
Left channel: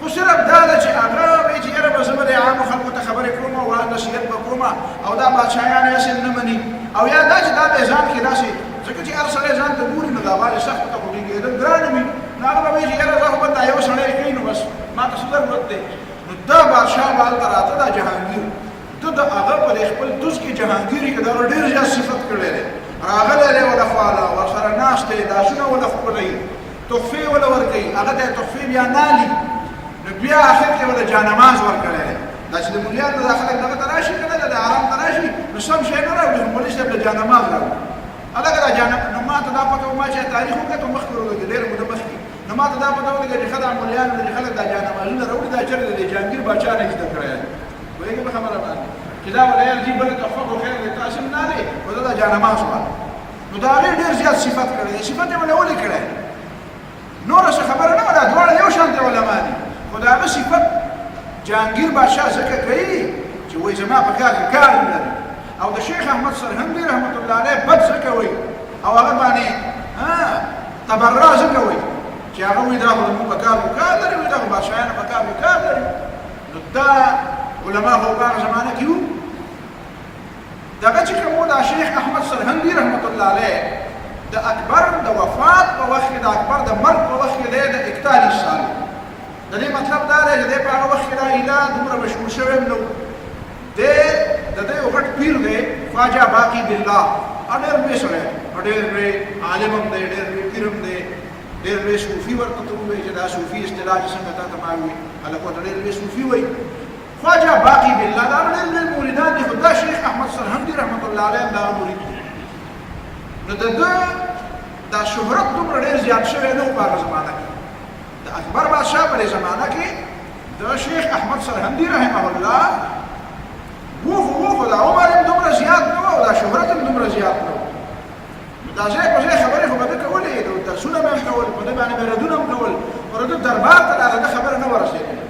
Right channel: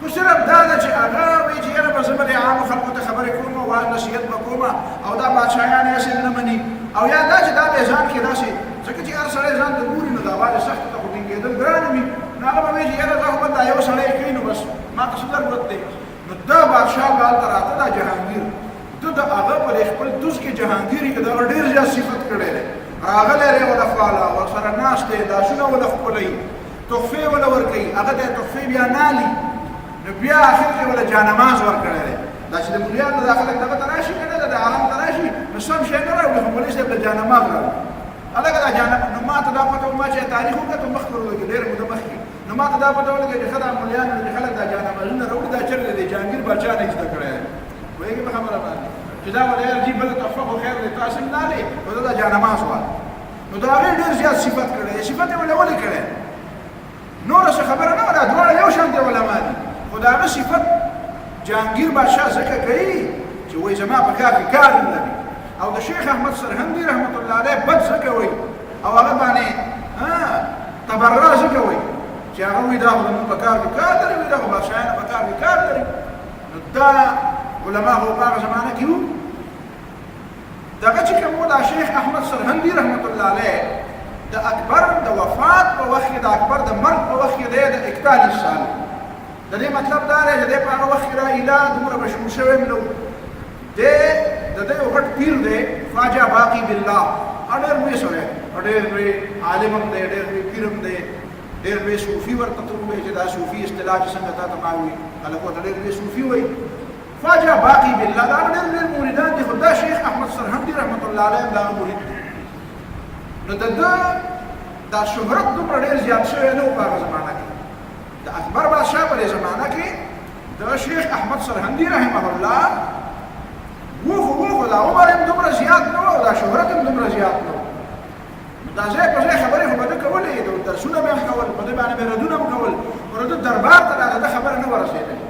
خو صرف دا ده چې هغه وایي چې یاره به زه به د عامو خلکو ته خبرې کوم او نصیحت به کوم او دا بادشاهیان یې هسې نه مني او یا دا چې دا به ځان کې داسې ځکه چې هر سړی ځان ته ګوري نو دا باندې سختو ته خو ټینګېدل ګران وي نو هغه به وایي چې یاره زه خو بل دا یو سړی کوي نو بس ما ته څه ضرورت دی نو دا بادشاه به هلته راته دا جهانګیر ته د هغه په خپل دوز کې جهانګیري کې دغه ډېر زیات صفت کړی دی راغلی دی وله خواله ورسره ناست دی لاسونه وله ښکلوي تحفې وله ورکوي هغه ته یې تحفې بیا نالي نو بیا آخر کې وله جانماز ورکړی دی دا چې د مولیانو دا خلک دغه ته راشي که نه د حرم ته راشي نو سم شی نه راوړي خو مولوي صاحب له جانماز راوړي هلکه دا جانماز نو ما ته دا پته ما چې تاریخ وکړه ته مخکې ورولګې ډېره موده مخکې نو ما ته دا پته ولګې چې ښه دا مولیانو چې خلک دا جانمازونه راوړي دا چېرته دی جهانګیر باچا نه زده کړی دی پوهېږې په خبره باندې چې دا به یار جي بله تحفه خو خیر دی تاسې هم نه دی خو دا جانماز وال نو د هغې ډېر زیات صفت کړی دی صفت یې ولې ولې کړی نوره څه خبره نه وه دا دواړه یو شانتې علما دي خو د هغه صفت جهانګیر بادشاه ځکه کوي چې وایي زما په کار کې کار نه لري او د شیخ احمد سرهندي رحمت الله علیه بد ځکه وایي او هغه باندې تبرع ځکه وایي چې هغه وایي دا خو زموږ په کار کې کار لري وایي دغه بادشاهانو په کار کې کار لري نو دا علما خو په هغه زمانه کې وو دغه چې کوم دا شیخ احمد سرهندي رحمت الله علیه د اکبر د وفات په وخت کې د اکبر د مرګ په وخت کې دی د 41 سال د دې مطلب دا دی چې دی په هغه وخت کې دا اله دومره مشهور شوی هم نه و دی د دې یو غټ پیر دی خواجه باقي بالله ډېر لوی سړی ډېر لوی عالم هم دی ډېر لوی پیر هم دی ډېر لوی صوفي ورته ته ووایي چې دا صوفي اصطلاح چې څنګه تا ته ما وي هلک ورته ډېر لوی صوفي وایي خواجه باقي بالله دا ډېر لوی مریدان دي خو دا شیخ احمد سرهندي رحمت الله علیه هم دغه مرید دی نو د ده دا شهرت دومره ډېر زیات شوی نه و په هغه زمانه کې د اکبر بادشاه په دې زمانه کې د شیخ احمد سرهندي رحمه الله وخو دا عمر هم دومره زیات نه و او دا شهرت هم دومره زیات نه و نو دا ځای په ځای خبرې خو به ده کولې د درسونه به هم کول په ده باندې به ردونه هم کول خو د دربار ته د ده خبره نه ورسېدلې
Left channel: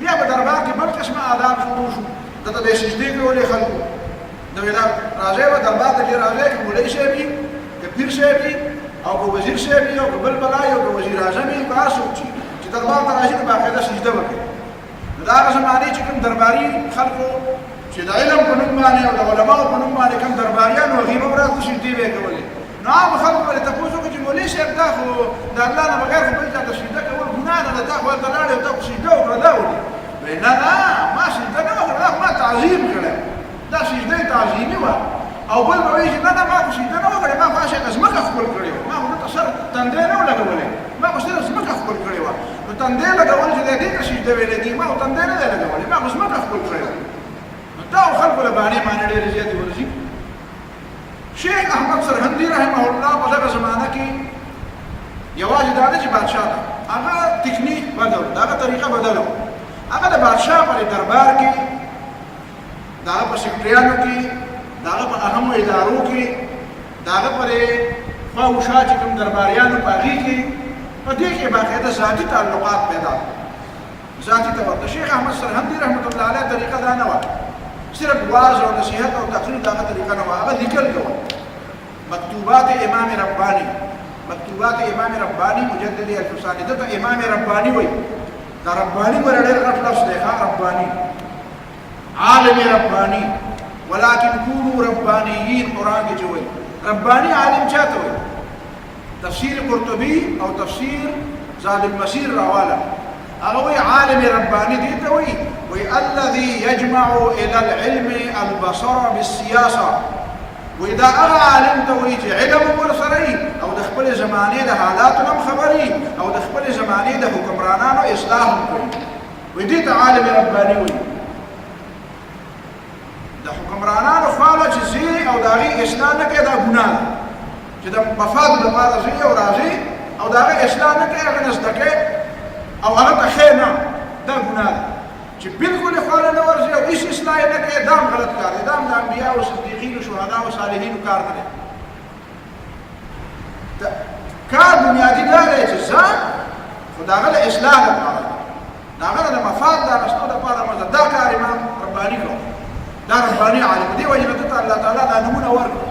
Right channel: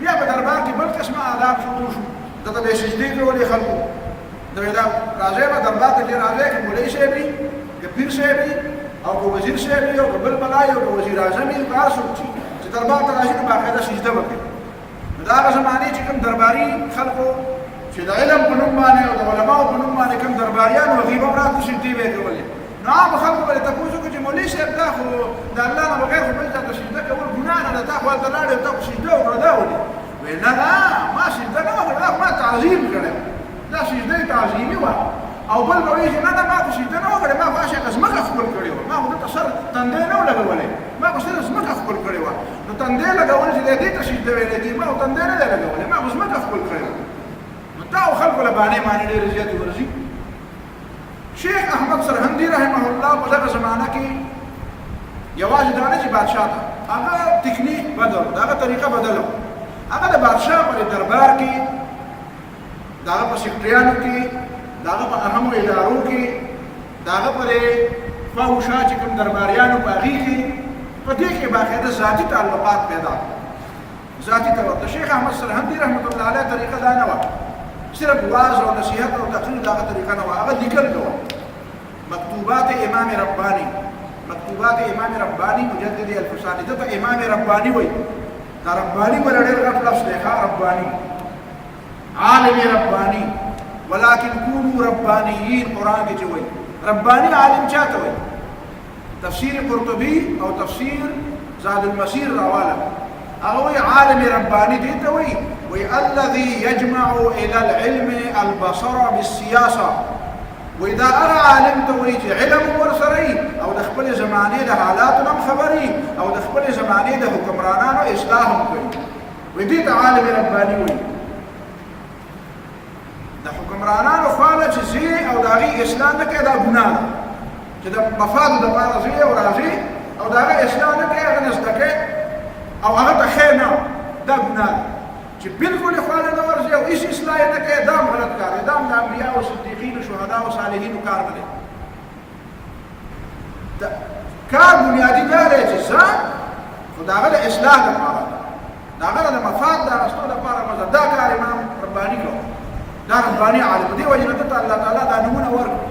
بیا په دربار کې بل قسمه آداب شروع شو ده ته به یې سجدې کولې خلکو دا راځئ به دربار ته چې راځئ که مولوي صاحب وي که پیر صاحب وي او که وزیر صاحب وي او که بل بلا وي او که وزیر اعظم وي که هر څوک چې دربار ته راشي نو باقاعده سجده وکړي نو د هغه زمانې چې کوم درباري خلکو چې د علم په نوم باندې او د علماو په نوم باندې کوم درباریان و هغې به هم راته سجدې به یې کولې نو عامو خلکو به یې تپوس وکړي چې مولوي صاحب دا خو د الله نه بغیر خو بل چا ته سجده کول ګناه نه ده تا خو هلته لاړې او تا خو سجده وکړه دا ولې وایي نه نه ما سجده نه وکړه دا خو ما تعظیم کړی دا سجده تعظیمي وه او بل به وایي چې نه نه ما خو سجده نه وکړې ما خو هغه ځمکه ښکل کړې وه ما خو دلته سر تندی نه و لګولی ما خو صرف ځمکه ښکل کړې وه نو تندی لګول چې دی دې ته سجده ویلی کېږي ما خو تندی نه دی لګولی ما خو ځمکه ښکل کړې وه نو دا خلکو له بانې مانې ډېرې زیاتې ورځي شیخ احمد سرهندي رحمه الله په دغه زمانه کې یوازې دا نه چې بادشاه ته هغه تکنیک بدل د هغه طریقه بدله وه هغه د بادشاه په دربار کې د هغه په سکرټریانو کې د هغه په اهمو ادارو کې د هغه په خوا و شا چې کوم درباریانو په هغې کې په دې کې باقاعده ذاتي تعلقات پیدا ذاتي طور د شیخ احمد سرهندي رحمت الله علیه طریقه دا نه وه صرف واعظ او نصیحت او تقریر د هغه طریقه نه وه هغه لیکل کوه مکتوبات امام رباني مکتوبات امام رباني مجدد الفساني دته امام رباني وایي دا رباني ور ډېر غټ لفظ دی ښه رباني عالم رباني ولكن كونوا ربانيين قرآن کې چې وایي رباني عالم چاته وایي تفسیر قرطبي او تفسیر زاد المسیر راواله هغه وایي عالم رباني دې ته وایي الذي يجمع الى العلم البصر بالسياسه وإذا هغه عالم ته وایي چې علم ورسره او د خپل زمانې د حالاتو هم خبري او د خپل زمانې د حکمرانانو اصلاح هم کوي وایي دې ته عالم رباني وایي د حکمرانانو خواله چې ځي او د هغې اصلاح نه کوي دا ګناه ده چې د مفادو دپاره ځي او راځي او د هغه اصلاح نه کوي هغه نه زده کوي او هغه ته ښې نه دا ګناه ده چې بالکل یې خواله نه ورځي او هېڅ اصلاح یې نه کوي دا هم غلط کار دی دا هم د انبیاو صدیقینو شهداو صالحینو کار نه دی کار بنیادي دا دی چې ځه خو د هغه د اصلاح دپاره ده د هغه د مفاد د اخیستو دپاره مه ځه دا کار امام رباني کوي دا رباني عالم دې وجه نه ته الله تعالی دا نمونه ورکړو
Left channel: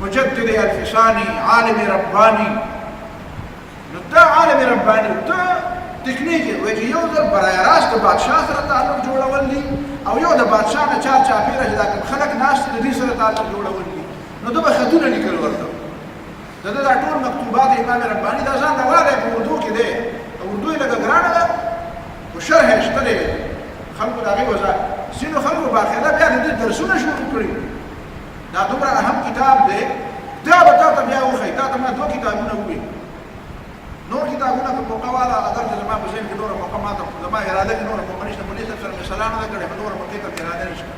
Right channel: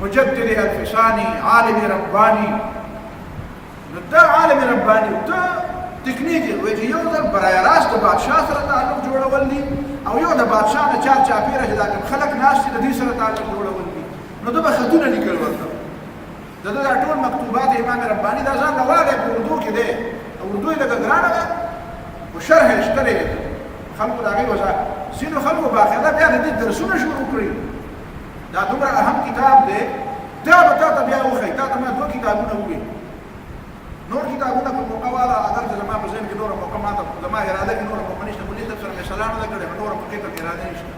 مجدد الفساني عالم رباني نو دا عالم رباني ته تکنیک وایي چې یو ځل برای راست د بادشاه سره تعلق جوړول دي او یو د بادشاه نه چار چاپېره چې دا کوم خلک ناست دي د دې سره تعلق جوړول دي نو ده به خطونه لیکل ورته د ده دا ټول مکتوبات امام رباني دا ځان نه والی په اردو کې دی اردو یې لږه ګرانه ده خو شرح یې شته دی خلکو د هغې وضاحت ځینو خلکو باقاعده بیا د دې درسونه شروع کړي دا دومره اهم کتاب دی دا به تا ته بیا وښیي تا ته ما 2 کتابونه ووایي نور کتابونه په موقع والا اگر چې زما په ذهن کې نوره موقع ما ته زما اراده کې نوره موقع نشته مولوي صاحب سره مې سلا نه ده کړې خو نوره موقع ته مې اراده نشته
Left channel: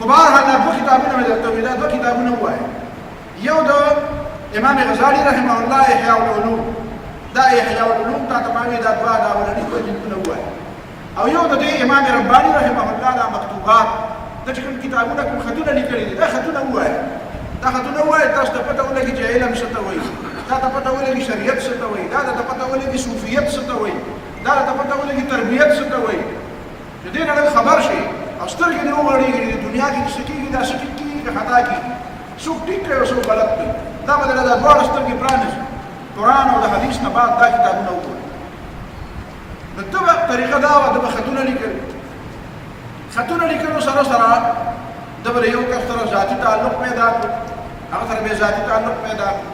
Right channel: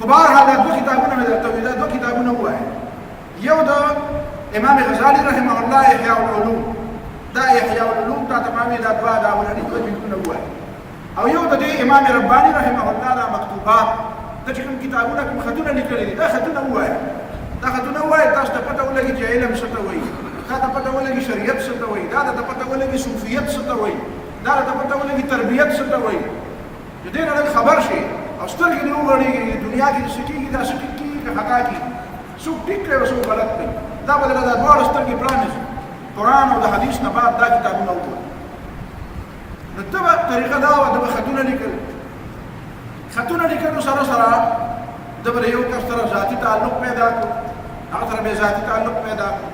خو بهرحال دا دوه کتابونه مې درته وویل، دا دوه کتابونه ووایه. یو د امام غزالي رحمه الله احیاء العلوم، دا احیاء العلوم تا ته ما وی دا دوه دا اولني دوه جلدونه ووایه. او یو د دې امام رباني رحمه الله دا مکتوبات، دا چې کوم کتابونه کوم خطونه لیکلي دي دا خطونه ووایه. دا خطونه ووایه تاسو ته پته ولګي چې علم څه ته وایي، دا ته پته ولګي شریعت څه ته وایي، دا ته پته ولګي صوفیت څه ته وایي، دا ته پته ولګي تربیت څه ته وایي، چې دې نه خبر شي او سترګې دې وغړېږي دنیا کې څه کېږي، دا څه کېږي که خطا کېږي، څوک ټیک کوي او څوک غلط کوي. دا به درته دا دواړه سترګې پرانیزي، قرآن او د حدیث نه بعد دا کتابونه وګورئ. نو ده به طریقه دا وه، ده به خطونه لیکل، خطونه لیکلو سره سره ده به د یو کس سره ذاتي تعلق پیدا کړو، هغه سره به ذاتي تعلق پیدا کړو،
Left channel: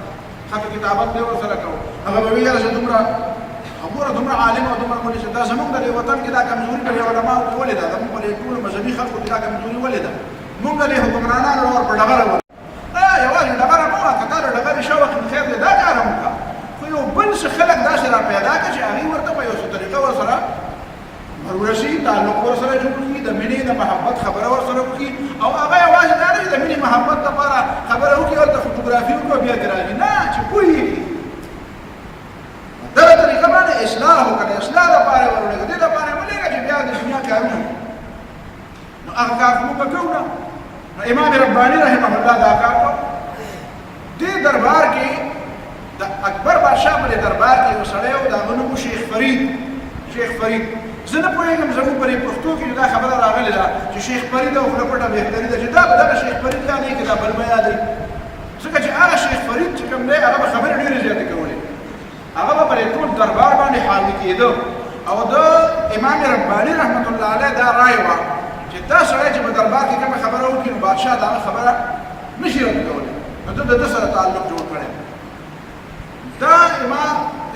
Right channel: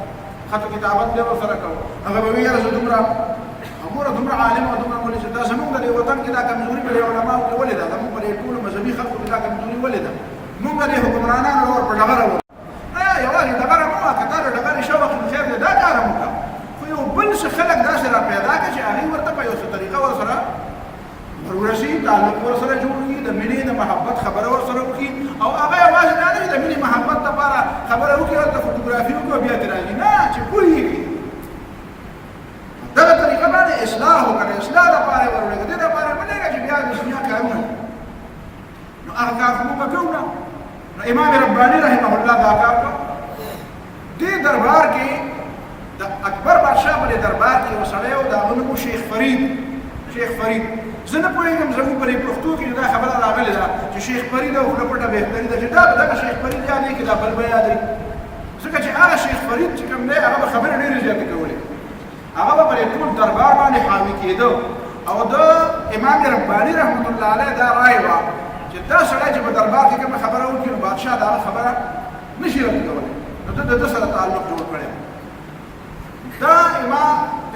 خط کتابت به ورسره کوو. هغه به وي یاره زه دومره ګوره دومره عالم او دومره مولي دا زمونږ د دې وطن کې دا کمزوري په دې علماو کې ولې ده، زمونږ په دې ټولو مذهبي خلکو کې دا کمزوري ولې ده؟ مونږ د دې حکمرانانو ور په ډغره ول یوازې ډغره مه وه، که تا د ډغرې شوق نو خیر دی دا کار هم وکړه، خو یو بل څه خلک داسې را پیدا کړه چې هغې ورته په یو څه طریقه ورسره ورورسي، تعلق ورسره جوړ کړي، د مینې د محبت خبره ورسره وکړي. او هغه یوازې دا نه چې د مینې محبت دپاره خبره وکړي، ورته فوټوګرافي وکړي او بیا ترې راځي، نه چې پوهېږي دغه طریقه باندې اصلاح وکړه، اصلاح لپاره یې ورولېږه، دې لپاره یې مه لېږه چې بیا د دنیا کارونه نو هغه کار خو موږ به کوو نه. نو امام رباني رحمه الله دا کار کوو. دې دربار کې د اکبر بادشاه په دربار کې یو سړی و، د هغه نوم و شیخ فرید. شیخ فرید زه نه پوهېږم زموږ په پښتو کې دا خبره راغلې ده چې شیخ فرید او خوله پټه بهتري ده، چې دا به دغه شیخ فرید یادوي که دا بل به یادوي، ځکه چې هغه شیخ فرید چې کوم دی هغه به خبرې ډېرې زیاتې کولې، هغه به پر ټول دربار باندې حاوي کېده. او د امام رباني رحمت الله علیه دا رایه وه چې دا سړی چې په دربار کې کومه خبره وکړي نو بادشاه د هغه خبره نشي رد کولی، نو ده د ده سره تعلق جوړ کړی. دا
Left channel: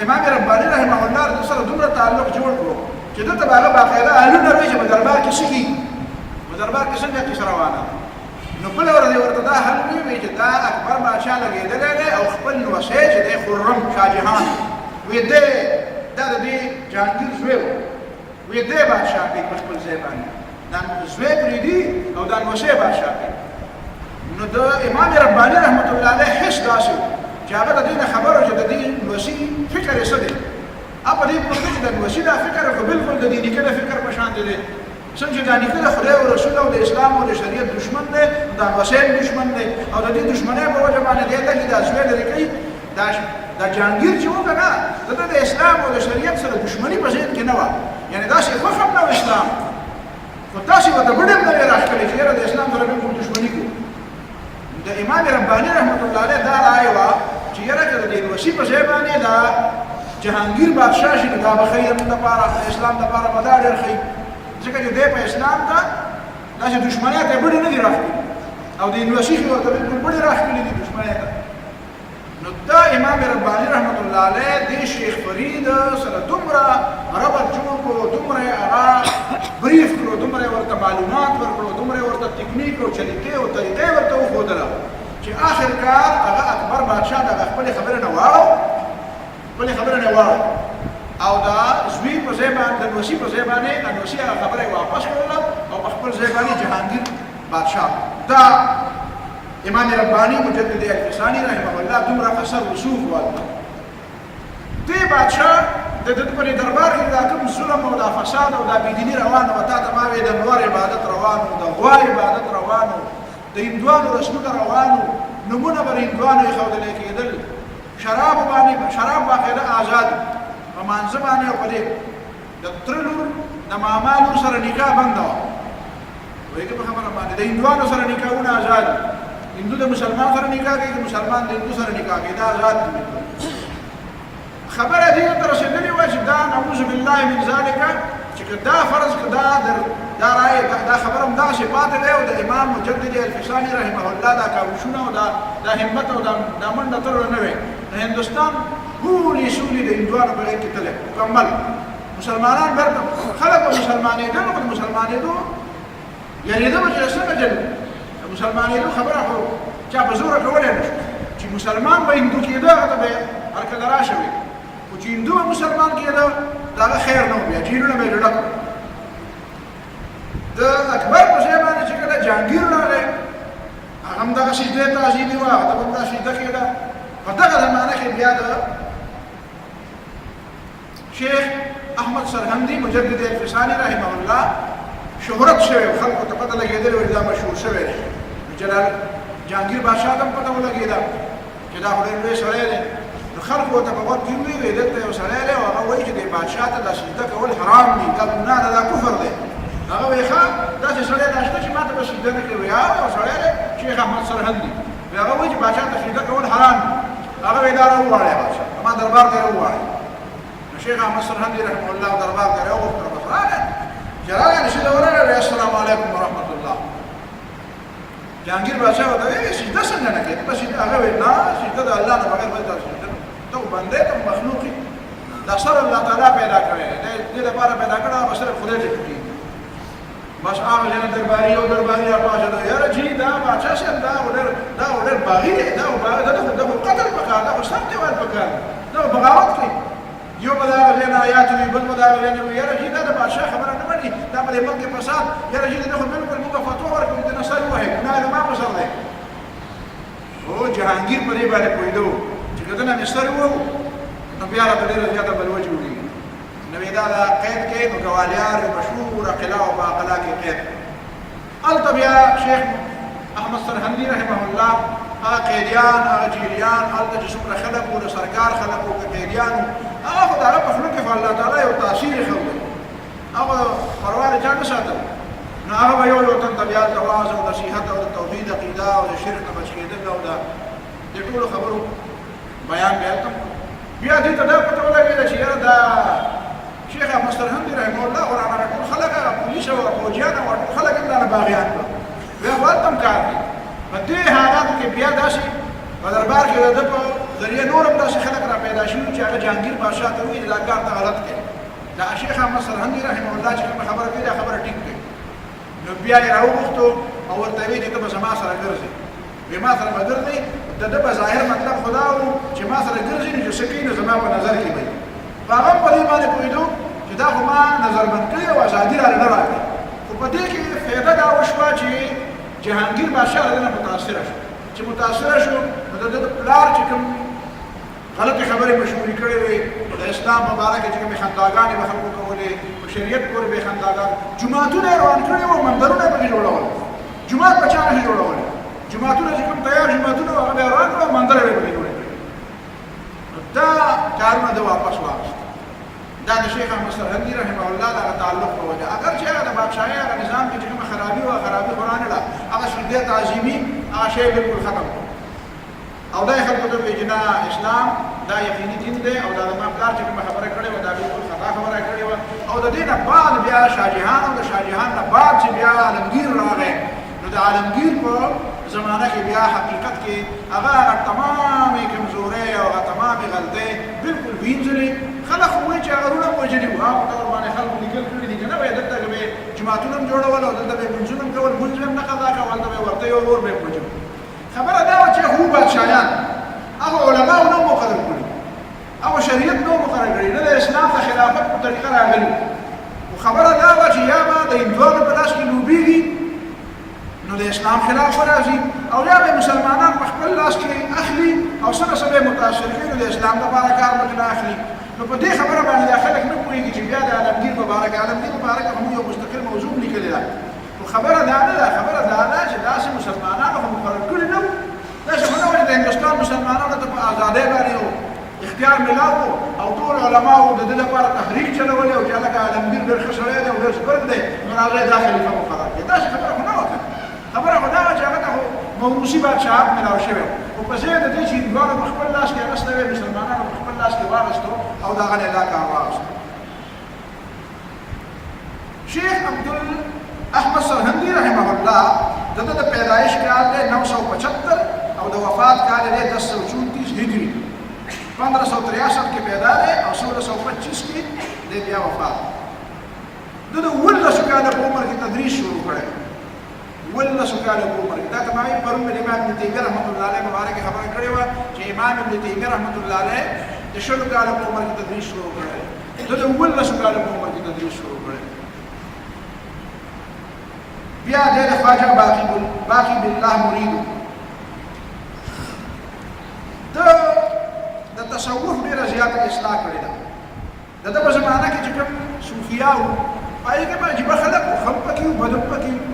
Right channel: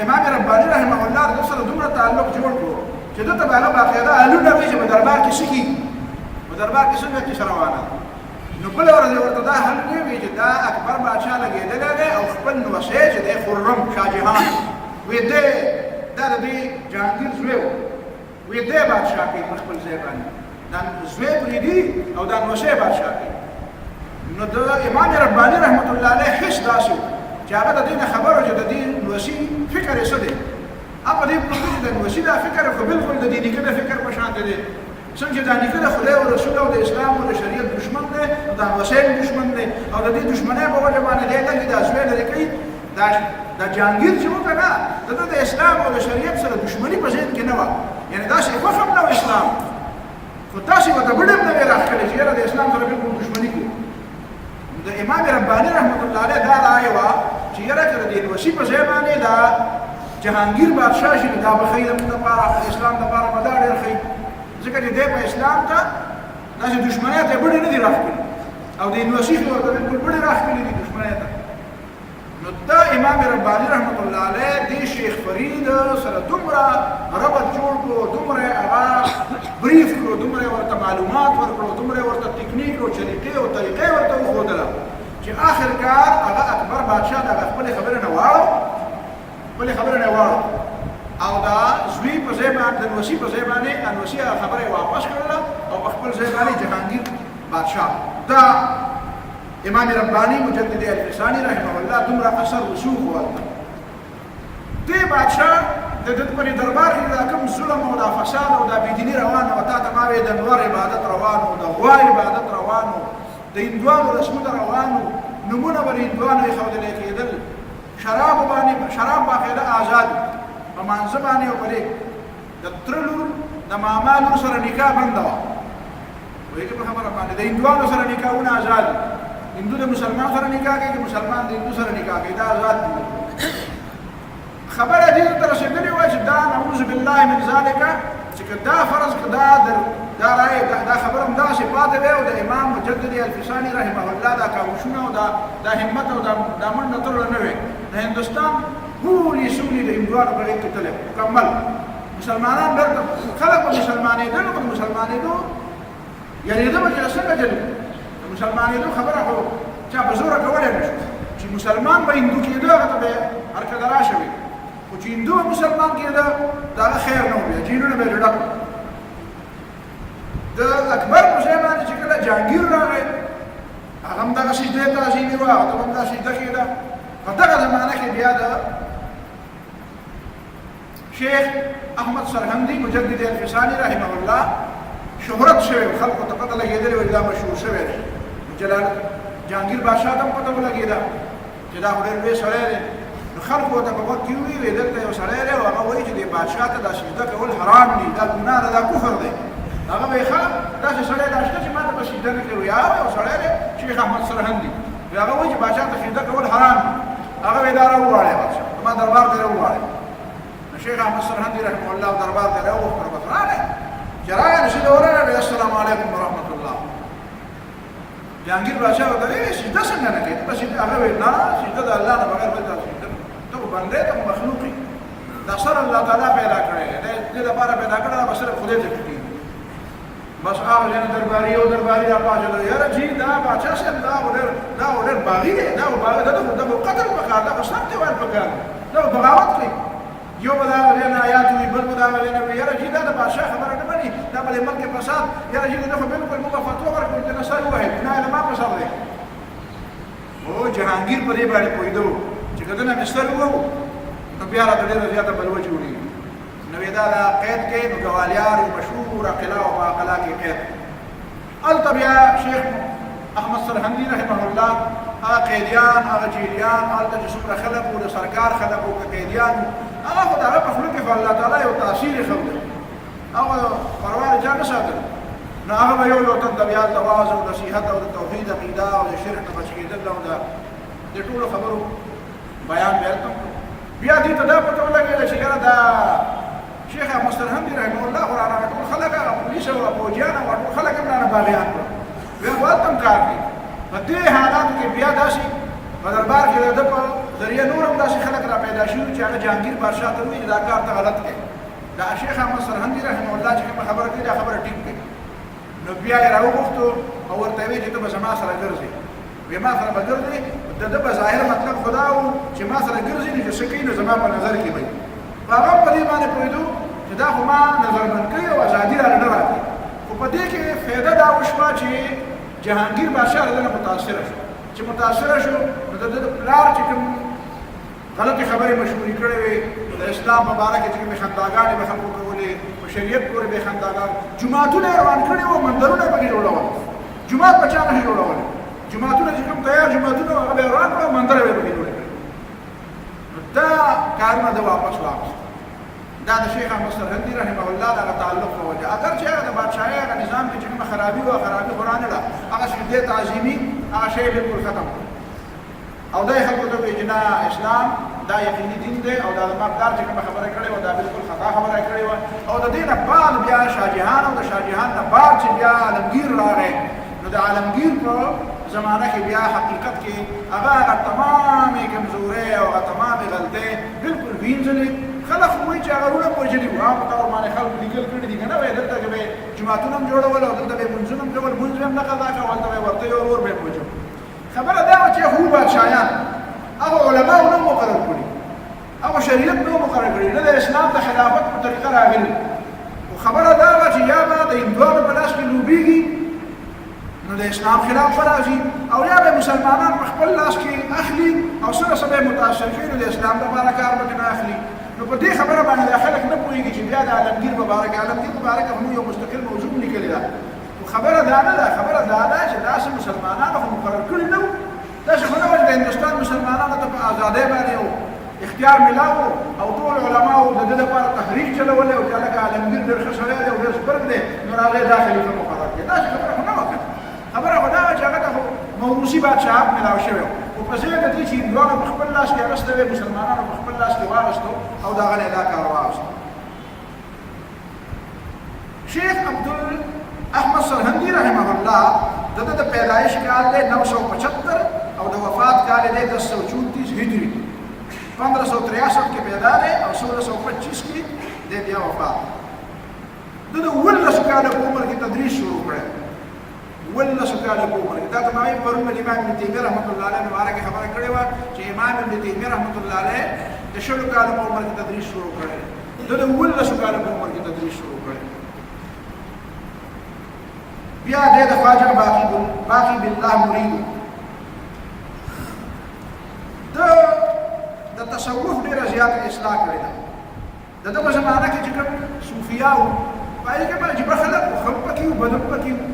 امام رباني رحمه الله د سره دومره تعلق جوړ کړو چې ده ته به هغه باقاعده حلونه وایي چې په دربار کې څه کېږي، په دربار کې څنګه کیسه روانه ده. نو بله ورځ یې ورته دا حل ووایي چې دا اکبر بادشاه لګېدلی دی او خپل نوسی چې دی خرم شاه جهان وی دی دا د دې جهانګیر زوی و، وی دی بادشاه کوي په خپل ځای باندې، دا زوی پرېږدي او دا نوسی بادشاه کوي. نو د امام رباني رحمت الله علیه حس داسې و چې هغه د دې نه خبر و چې د دې نوسي فکر یې څه دی. په دې پوهېږي چې د نوسي دا فکر خو بلکل د دې نیکه د فکر په شان دی، څنګه چې دا نیکه د خدای او رسول او د اسلام او د شریعت دشمن دی، نو دا نوسی هم دشمن دی او د دې دشمنۍ په وجه باندې دی لږې دا زوی لرې کوي. دا جهانګیر چې و که نه د ده د اسلام او د شریعت سره دشمني په ذهن کې نه وه، یعنې داسې خوښ هم نه و اسلام، خو تاسې ورته بډ هم نه وې راښکلې چې یاره د اسلام سره بلکل دشمني کوو. د امام رباني رحمت الله علیه دا رایه وه چې یاره که د دې نوسي په ځای باندې دا جهانګیر بادشاه شي نو دا به ښایي زموږ دپاره د اسلام دپاره به دا ډېر ښایي، ځکه چې دی په اسلام ته داسې دشمنۍ ته یې بډې نه دي راښکلي او د نوسي خو ورته بلکل بډې راښکلي دي دشمنۍ ته. نو دا امام رباني رحمت الله علیه دې شیخ فرید سره دومره ربط جوړ کړو، دومره هغه بریف کړو، دومره ورته معلومات ورکړو، دومره ورته تکنیک او چلیقې او طریقې ورته وښودله چې آخر کار هغه اکبر بادشاه د هغه خپلې خبرې نه واړو، خپلې خبرې نه واړو او دا زوی په ځای باندې د نوسي په ځای باندې نوسي هغه خبره یې واپس کړله او په خپل ځای باندې جهانګیر بادشاه. دا امام رباني مجدد الفساني رحمه الله دومره اثر رسوخ والته. دې بادشاه د ده په دربار کې دا کوم ظلم او دا فساد او دا بېدیني روانه وه، تا ته ما وایې د نور عبادت روان و، د غوا عبادت روان و، د هندوانو رسمونه روان و، نومونه به د هندوانو ایښودلی کېدل، شراب باقاعده آزاد په مانځه باندې او په دې د تره لور د ماما لور سره نکاح بنده وه، پوهېږې په خبره باندې د هندوانو سره نکاحونه آزاد، هندو د مسلمان سره نکاح کوي که مسلمان د هندو سره نکاح کوي، دا آزاد دي. خبره دې ته رسېدلې وه چې دا نعوذ بالله من ذلک چې که دا فرض که دا رایې دا خبره همداسې پاتې وی او د امام مجدد الفساني رحمه الله دا کاوشونه او دا همت او دا منډه ترله نه وی، د هندوستان ټولې سولې د هندوانو په غېږ کې تللی مکمل. مسلمانان بیرته خلک به مسلمانېدل، خو د مسلمانېدو یعنېده به چې څنګه جلو د مسلمانېدو خبره خو چا په زوره کولی نه شو، چې مسلمان به هندو کېده هغه ته به هر کله راشه وي، خو چې هندو به مسلمان کېده د هغه خیر نه و، بیا جیلونه به یې ډډه کړو. د اکبر په ځای باندې چې کله جهانګیر راغی هغه هم دغه سجده تعظیمي وه هغه ته هم دا سجده کېده په دغه زمانه کې بیا د شیخ احمد سرهندي مجدد الفساني رحمه الله شهرت شوی خلکو ته پته لګېدلې وه دا مشهور شوی دی جلال جهانګیر بادشاه ته هم پته ولګېده چې دا خو ډېر لوی سړی دی نو خلکو ورته په غوږ کې وویل دلته یو سړی دی او هغه وایي چې د بادشاه ته دا سجده کول حرام دي دا ګناه ده دا کفر دی هغه وایي ښه داسې سړی دا شته چې ما ته به سجده نه کوي یو سړی دی شیخ احمد سرهندي هغه وایي چې بادشاه ته سجده کول حرام دي هغه وایي دا راوغواړئ بادشاه زما دربار ته راوغواړئ نو شیخ احمد سرهندي رحمه الله دربار ته راوغوښتل بس راغی چې راغی نو سجده ورغی السلام علیکم ورحمت الله جهانګیر بادشاه ورته وایي سجده څنګه نه کوې ته به سجده هغه وایي نه سجده د الله نه بغیر بل ته سجده نه ته بندې ته مخلوقي دا سر الله تعالی پیدا کړی دی دې لپاره پیدا کړی به صرف خدای ته ټوټي بس هغه ځای درباري او درباري راپاڅېده یاره جي دا بادشاه صاحب دا خو ډېر باغي دی دا خو قتل پکار دا خو سر دیوال پکار دی دا خو بغاوت کوي یو به د هغه ځای نه آیات وي بل به د هغه ځای نه وي یاره جي دا د بادشاه خبره نه مني دا به د ملک فساد یاره جي دا خو بلکل موږ فتوا ورکړو چې نه سر ووهئ ګناه یې زما په سر دی خو جهانګیر په دې باندې پوهېده چې که دنه مې سر ووهو نو بیا راته ډېره زیاته بلوه جوړېږي نو دا د قید کې نو ګوالیار یو مشهوره قلعه وه په قلعه کې قید هلته بیا شیخ احمد سرهندي رحمه الله هغه قیدیان هغه جیلیان هلته چې څومره خلک وو د سرکار خلک وو که قیدیان وو هغه خو د هغه په خوله کې خو الله تعالی یو تاثیر یې ښودل هغه پروا د چا نه ساتل نو هغه به یو تن ته بیا هلته واعظ او نصیحت او د توحید عقیده او د شرک نه بچ کېدل او د ټولو خبرو بیان بیا هلته بیا دې ته دا پته ولګېده چې یاره دا شیخ احمد سرهندي رحمه الله خو رانه ټول خلک هغه پولیس او فوجیان او ټول خلک هم رانه باغیان کړل بیا خو هلته هم کار کوي په دې حالاتو کې بیا داسې په دربار کې د ده په ذریعه نور هم داسې خلک را پیدا شوي چې هغه جهانګیر بادشاه ته وایي چې دا کار ته غلط کوي دا شیخ احمد سرهندي رحمه الله چې کومه خبره کوي دا خبره ټیک کوي نو بیا یې راوغوښتو او ورته ویې چې ته به زما سره ګرځې وی ما سره به ګرځې د ده په ظاهر مطلب خو دا و چې ما سره ګرځي نو چې څه کوي نو زما په نظر کې به وي خو هغه هم په دې باندې پوهېدو چې دا خو ما نظربند کړي او ازادي رانه نه راکړي خو په دې کې فایده دا وشوه چې جهانګیر بادشاه له دې نه متاثره شو چې متاثره شو نو د ده پلار چې کوم غلطې خبرې مشهورې کړې وې د اسلام په باره کې چې کومې خنداګانې به خلکو کولې په شریعت پورې به یې خنداګان جوماتونه یې روان کړي وو منبرونه یې پکې جوړول جومات په چا نشي جوړولی جوماتونه چې کوم تیار جوماتونه هغه به یې روان کړه مندره به یې پکې جوړې کړې نو دا کارونه ده واپس واخیست دا د شیخ احمد سرهندي رحمه الله دغه تعلق په وجه اگر چې هغه د بادشاهۍ هغه نظام کې چې کومه خرابي وه خرابي خو رانه له هغه سجدې تعظیمي هغه شی بلکل ختم کړو او دا یې خلکو ته وایي چې نه اسلام دا یقیني دین دی او دا زما پلار چې کومه خبره کړې وه دا بلکل خطا خبره کړې وه او د دې نه بعد بیا شاهجهان او د شاهجهان نه بعد چې بیا عالمګیر راغی نو د عالمګیر په زمانه کې بیا حقیقت کې هغه تمامې کمزورۍ او هغه تمامې غلطۍ بلکل وینځلې خلک خو وایي چې هغه رونه هم وژلي وو هغه په طور باندې خلکو لیکل کړي دي که نه وایي دلته به یې جوماتونه هم جوړول او دلته به یې لمونځونه هم کول لمونځ به هم نه قضا کول هلته به یې ورته یو ورور به یې وژل خبره دا وه چې هغو بادشاهیان هغه علماو نه مقرر کړي هغه شریعت نه مقرر کړي نه د اسلام د خلافت په طریقه راغلي خو خبره دا وه چې یا به د هندوانو په لاس کې لوبېږي نو د اسلام خلاف به راځي او یا به مسلمانان په خپل لاس کې اخلي او څه څه به یې متاثر کوي نو د اسلام لپاره کار به نه اخلي نو په دې خبره باندې دا خلک نه پوهېږي چې بیا د عالمګیر مبارک هم یو مستقل موضوع لیکلې ده خو خبره دا نه ده خبره دا ده چې داسې مسلمانانو خو مقرر کړي نه وو داسې خو نه وه چې د هندوستان مسلمانانو ته په ازادۍ باندې اختیار میلاو او ټول علماو د ده لپاره تحریک چلولی او چې هلکه عالمګیر ډېر ښه سړی دی او ډېر زبرګ دی نو هغه یې دا خلیفه مقرر کړي داسې خبره خو نه وه خبره خو دا وه چې هغه ته خو موروثي بادشاهت میلاو شوی خو په ځای د دې چې هندوانو په خپل لاس کې اخیستی وی مسلمانانو په خپل لاس کې واخیستو او د هغه نه یې دا کار واخیستو شیخ عبدالاحمد سرهندي رحمه الله د ده د پیدایش کال دی 975 او د وفات کال دی 1034 هجري 1563 کې پیدا دی او 1625 کې دی بیا وفات د ده 11 کاله په عمر کې تدریس شروع کړی 11 کاله په عمر کې دا ته ما وایي پرون مې امام ابن تیمیه رحمت الله علیه مبارکه خبره کړې وه چې امام ابن تیمیه رحمت الله علیه د 20 کاله په عمر کې تدریس شروع کړی د 11 کاله په عمر کې تدریس شروع کړی بیا دې د خواجه باقي بالله مرید د تصوف ډیره زیاته اصلاح کړې ده د دغه زمانه کې چې کوم صوفیا وو پای کې باندې به خلک خو پکې وو بدو پکې وو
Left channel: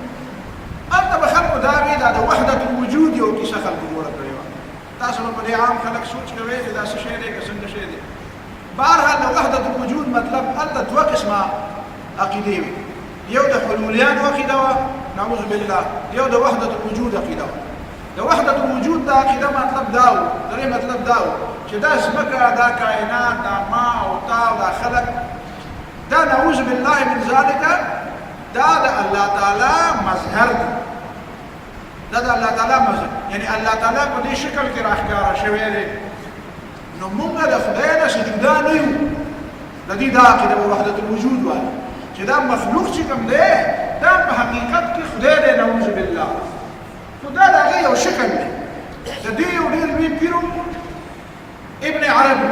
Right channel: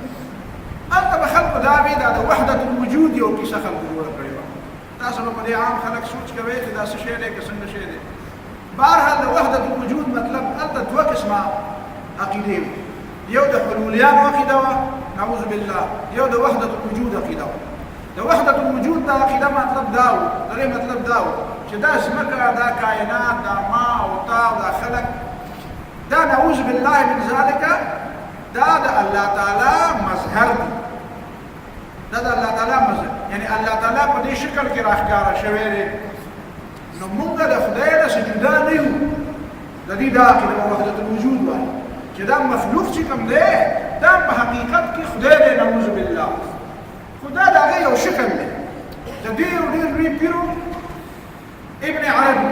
هلته به خلکو دا وي دا د وحدت الوجود یو کیسه خلکو جوړه کړې وه تاسو به په دې عام خلک سوچ کوئ چې دا څه شی دی که څنګه شی دی بهرحال د وحدت الوجود مطلب هلته دوه قسمه عقیدې وي یو د حلولیانو عقیده وه نعوذ بالله یو د وحدت الوجود عقیده وه د وحدت الوجود دا عقیده مطلب دا و د دې مطلب دا و چې دا ځمکه دا کائنات دا ما او تا او دا خلق دا نعوذ بالله من ذلك دا د الله تعالی مظهر دی دا د الله تعالی مظهر یعنی الله تعالی په دې شکل کې راښکاره شوی دی نو موږ د خدای نه جدا نه یو د دې دا عقیده وحدت الوجود وایي چې دا مخلوق چې کوم دی دا په حقیقت کې خدای دی نعوذ بالله خدا د هغې یو شکل دی د دې یو ډېر لوی پیرو ابن عربي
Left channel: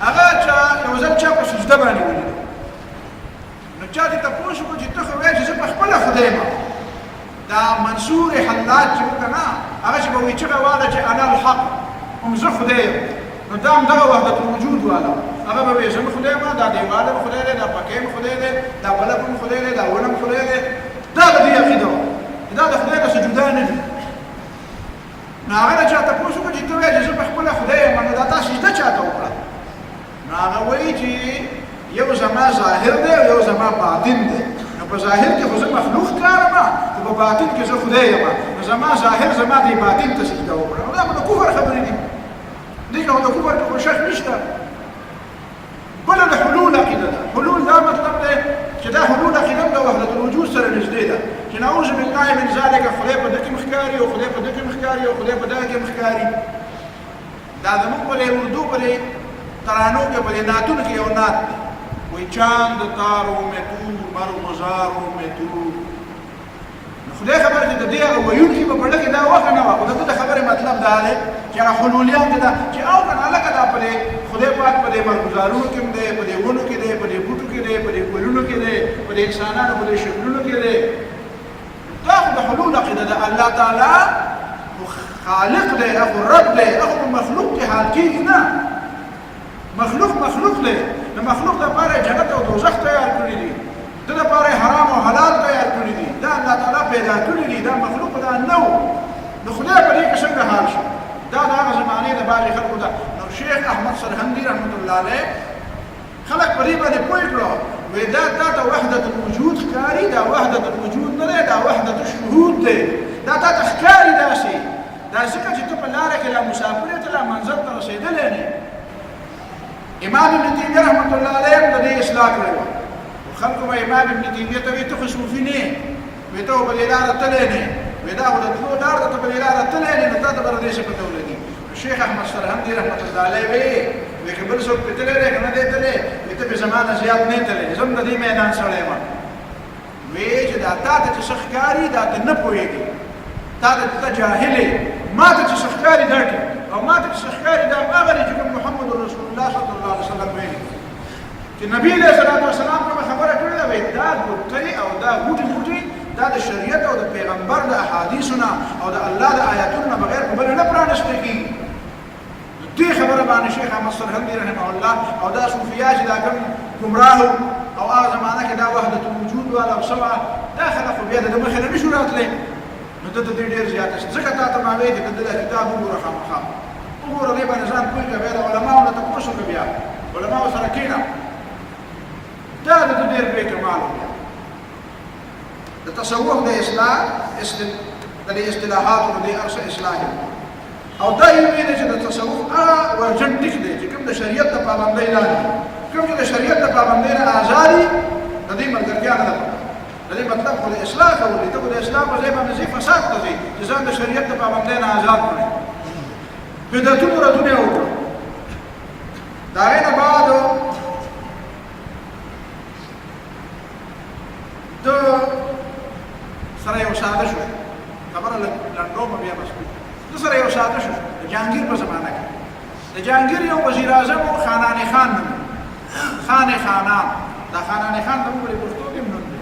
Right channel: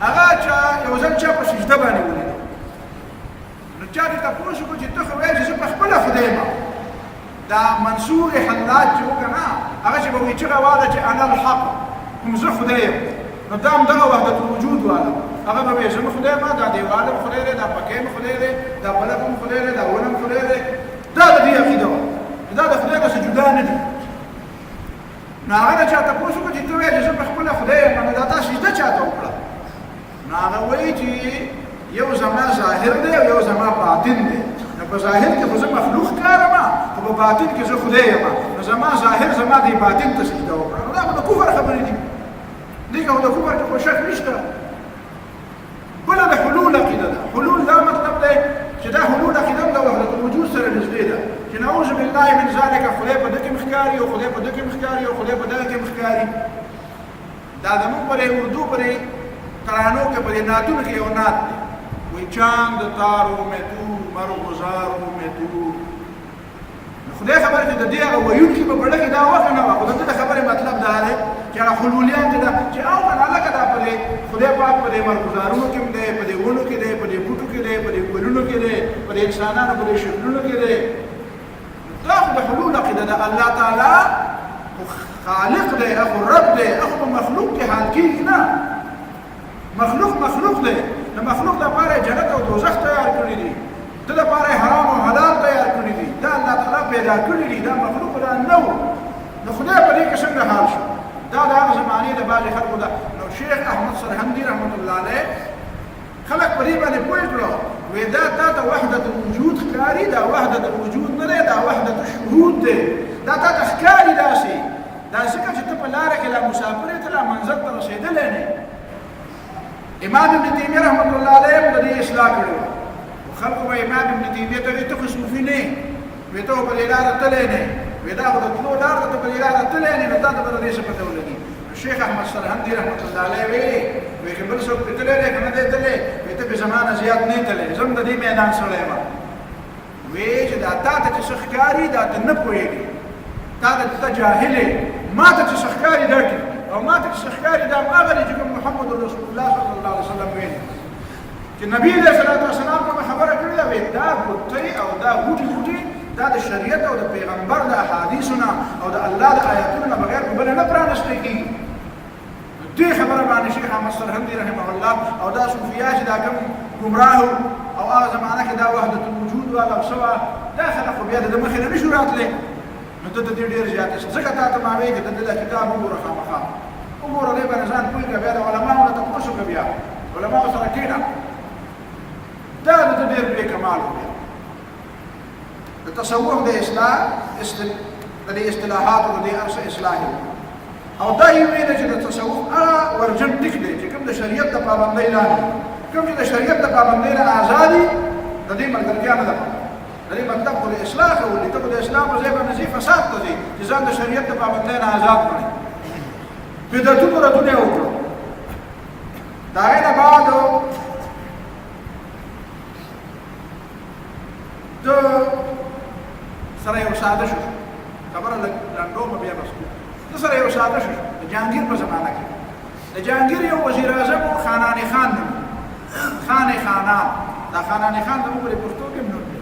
هغه چا یو ځل چا په سجده باندې ولیدو نو چا دې تپوس وکړو چې ته خو وایې چې زه په خپله خدای یم دا منصور حلاج چې و که نه هغه چې به وایي چغه واله چې انا الحق هم زه خدای یم نو دا هم دغه وحدت الوجود واله هغه به وایي زه مې خدای یم دا دیواله مې خدای دی دا پکې مې خدای دی دا بلب مې خدای دی دا ونه مې خدای دی دا د دې عقیده وه دا د خدای نه جدا نه دي نو هغه نه چا تپوس وکړو چې ته وایې چې زه په خپله خدای یم نو دا تا سجده چاته وکړه نو هغه وایي چې یو زما ظاهر دی او یو زما باطن دی نو په ظاهر کې خو زه مخلوق ښکارم خو په باطن کې زه خدای یم نو زما ظاهر زما دې باطن ته سجده وکړه نو دا خو د کفر خبرې دي دې کې خو د کفر کې خو شک نشته بله د حلول عقیده ده حلول دا مطلب دی چې دا حلول عقیده د وحدت الوجود سره نږدې ده چې نعوذ بالله من ذلک خدای په دې کې ښکاري او خدای په دې کې ښکاري او خدای په دې کې ښکاري دا زموږ په اردو پرې ترانو کې په دې نعتونو کې یو نعت دی وایي چاند تارو میں تو مرغزارو میں تو نو خدای خبر چې د دې هغه ویونکي په پړه کې دا وخت نه وه خو د ده د خبرې مطلب دا دی چې هغه حلولیان چې دا چې او که نه هلکه دا په دې خدای پاک په دې مرغزارونو کې هم دی په دې ونو کې دی په دې بوټو کې دی په دې ګلونو کې دی په دې انسانانو په دې شکلونو کې دی دا خو د حلول عقیده ده الله تعالی خو خالق دی هغه رب دی هغه په مخلوق کې حال کېږي نه مخلوق دی د مخلوق دپاره جنت او دوزخ تیار کړي دي د دپاره حرام او حلال تیار کړي دي دا الله تعالی پیدا کړي دي دا مخلوق دا نه و نو خدای په دې کې څنګه حال شو دا د هغه زمانې د بعضې خلکو ده نو شیخ احمد سرهندي رحمت الله علیه خلک په دې باندې پوه کړو وی دا تا ته وحدت الوجود ښکاري دا وحدت الوجود نه دی دا وحدت الشهود دی دا تا ته ښکاري داسې دا ځکه چې ته په لاره کې لا مسافر یې ته لا منزل ته رسېدلی نه امام ابن تیمیه رحمت الله علیه هم د دې اصلاح کړې وه خلکو به امام ابن تیمیه ته وایي ته خو صوفي نه وایي ته خو په دې لاره تللی نه وایي دا خو د تلو لار ده ته په دې لاره تللی نه نو تا ته به د دې څه پته ولګي شیخ احمد سرهندي رحمت الله علیه وایي که بل څوک پې تللی دی که نه دی تللی وایي ته پې زما نه زیات نه تللی زه هم د دې میدان سړی یم وایي چې دا تا ته چې څه ښکاري دا ته نه پوهېږي تا ته جاهل یې ما ته چې څه ښکاري دا ټیک او ما ته چې څه ښکاري دا هغه دی چې کوم محمد رسول الله صلی الله علیه وسلم ویلي چې نبي علیه الصلاة والسلام کومه خبره کړې ده وایي دا ګوتې او دا غوټې دا د شریعت او د پیغمبر د احادیثو نه او د الله د آیاتونو نه بغیر په بله نه پرانستی کېږي دې خبره باندې شیخ احمد سرهندي رحمه الله او دا صوفیا چې دا کوم ګمراه او هغه زمانه کې دا وحدت الوجود والا او سوه دا خلک خو بیا د مخې نه نشو راتلی نو ته د دې ډېر زیات ځکه تا ته ما وایي چې د ده دا کتاب وګوره خامخا وګوره دې باندې ځان پوه کړه بیا د علماو نه تپوس وکړه بیا علماو سره کښېنه دا د ده ډېر بې کمال و بیا د تصوف د اصلاح د دې اصطلاحاتو د دې هر څه اصلاح او دا یې ویلې چې د تصوف هغه ورجن ټیک دی چې کوم د شریعت د پابندۍ لاندې کوم چې د شریعت د پابندۍ نه آزادي د دې ملګرتیا نه ده د دې مطلب خو د اصلاح کول دي ته خو د اصلاح په ځای باندې ځي فساد ته ځي چې ځان د شریعت د پابندۍ نه آزاد کړي بدعتونو ردونه یې وکړو د هغې نه بعد د سره یو ساده شو خبره لنډومه بیا بس د سره یو ساده شو د جهانګیر په زمانه کې د جهانګیر یو وزیر اعظم و خانان خان نوم خان خانان دا خانان خان د موږ په پښتو کې نوم دی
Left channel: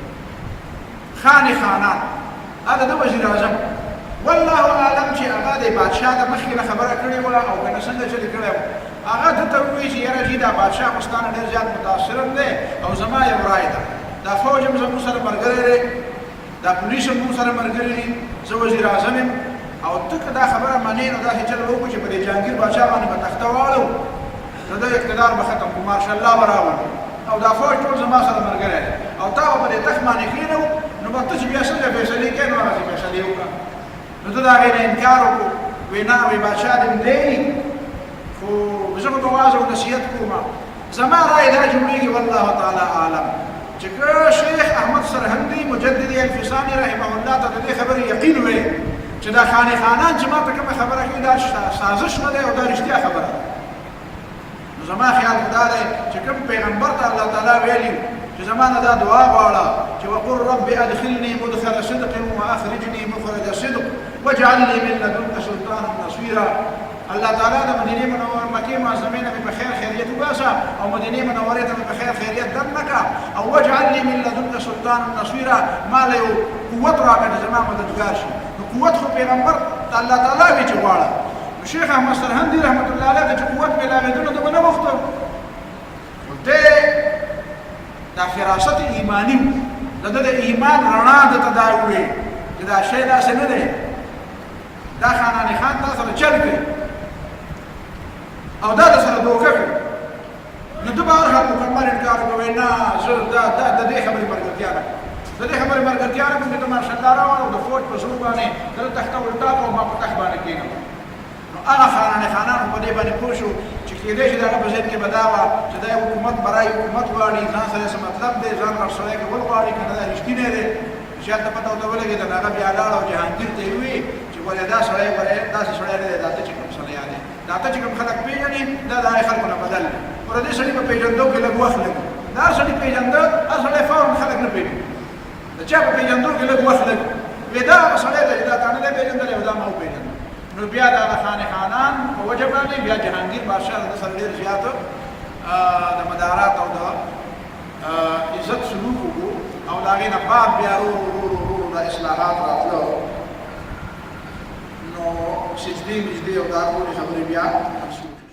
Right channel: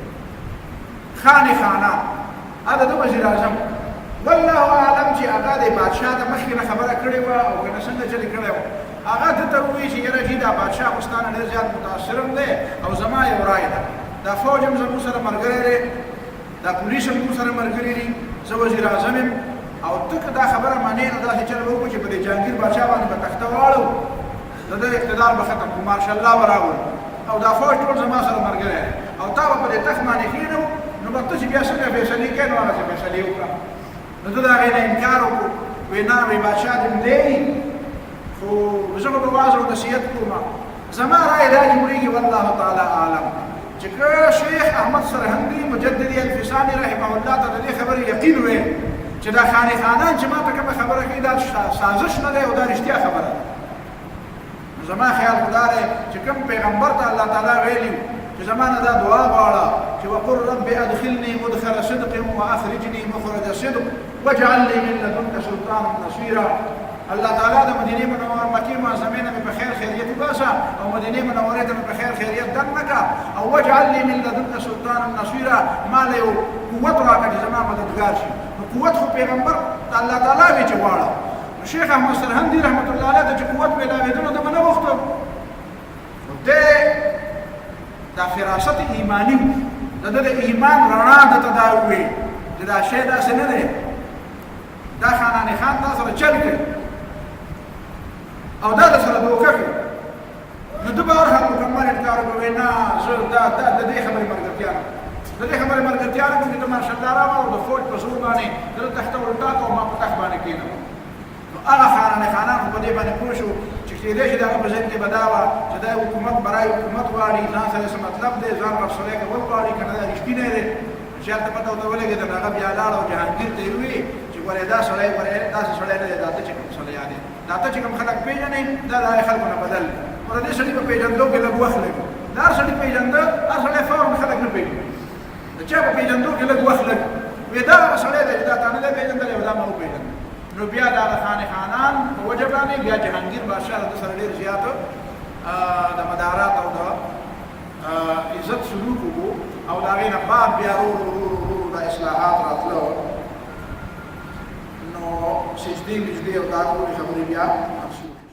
خان خانان هذا د وزیر اعظم والله اعلم چې هغه د بادشاه د مخکې نه خبره کړې وه او که نه څنګه چلې کړی و هغه ده ته ووایي چې یاره جي دا بادشاه خو ستا نه ډېر زیات متاثر دی او زما یو رای ده دا فوج هم زموږ سره ملګری دی دا پولیس هم موږ سره ملګري دي زه وزیر اعظم یم او ته که دا خبره منې نو داسې چل به وکړو چې په دې جهانګیر بادشاه باندې به تخته واړو د ده اقتدار به ختم کړو مارشا الله به راولو او دا فوج ټول زما سره ملګری دی او تا به په دې تخت باندې کښېنو نو به ته چې بیا څنګه فیصلې کوې نو هغسې فیصلې وکړه نو ته د هغې نه انکار وکړو وی نه وی بادشاه دې م دی خو زه به واز او نصیحت کوم زما رای دا جوړېږي والله تعالی اعلم چې که شیخ احمد سرهندي مجددي الفساني رحمه الله ته د دې خبرې یقین وی چې دا خانې خانان چې ما ته کومه خبره کوي دا سازش نه دی او دا رښتیا خبره ده نو زما خیال خو دا دی چې کوم پیغمبر ته الله تعالی ویلي چې زما نه دا دعا غواړه چې وقل رب ادخلني مدخل صدق واخرجني مخرج صدق واجعل لي من لدنك سلطانا نصيرا الله تعالی د مدینه منوره مکه معظمه نه په خیر خیریت وباسا او مدینه منوره ته په خیر خیریت دمنکا او واجعل لي من لدنك سلطانا نصيرا ما له قوت راکړي زما مددگار شي نو قوت خو پیغمبر الله تعالی وی چواړه نو شیخ احمد سرهندي رحمت الله علیه ته قوت ملاویدلو ته نه وخته ودې دا فراست ایمانی د ایمان رڼا د تداوی چې دا شی داسې نه دی دا خاناني خان تا سره چل کوي او دا د سره دوکه کوي نو د به هر حال مکمل انکار کوي نه زه د دې خبرې ملګرتیا نه د دې خبرې ملګرتیا نه کوم چې ته مارشا الله راوړ د فوج په زور باندې د تخته ولټا کو ما په تخت باندې کېنم نو هغه خاناني خانان خو په دې باندې پوه شو چې کېدای شي د هغه په ذهن کې به دا وه چې دا حکومت برای حکومت غواړي ځان سره څه مطلب دی ځان رسولی کول غواړي که نه دا رښتینی دی چې هلته پته ورته ولګېده نو هغه بیا لاړ او جهانګیر ته یې وویل چې ګورې دا سړی ګورې داسې سړی نه دی دا ته چې کوم سړیان دی دا ته چې کوم خلک پېژنې دا د هغې خلکو نه بدل دی خو د دې سړي په پېژندو کې لږ وخت لګي د هر سړي پېژنده هر سړی فورا خلک نه پېژني د چا په پېژندو کې لږ وخت لګي وی دا هغه سړی دی چې دا تا نه دی پېژندلی او دا ما وپېژنده نو بیا د هغه خانې خانان په وجه باندې بیا جهانګیر بادشاه د سره ډېر زیات د مدارات او د عزت سلوک وکړو او د هغې نه بعد بیا رو د اصلاحات راتلو نو سجدې مجدې او دا ټولې خبرې بیا منسوخ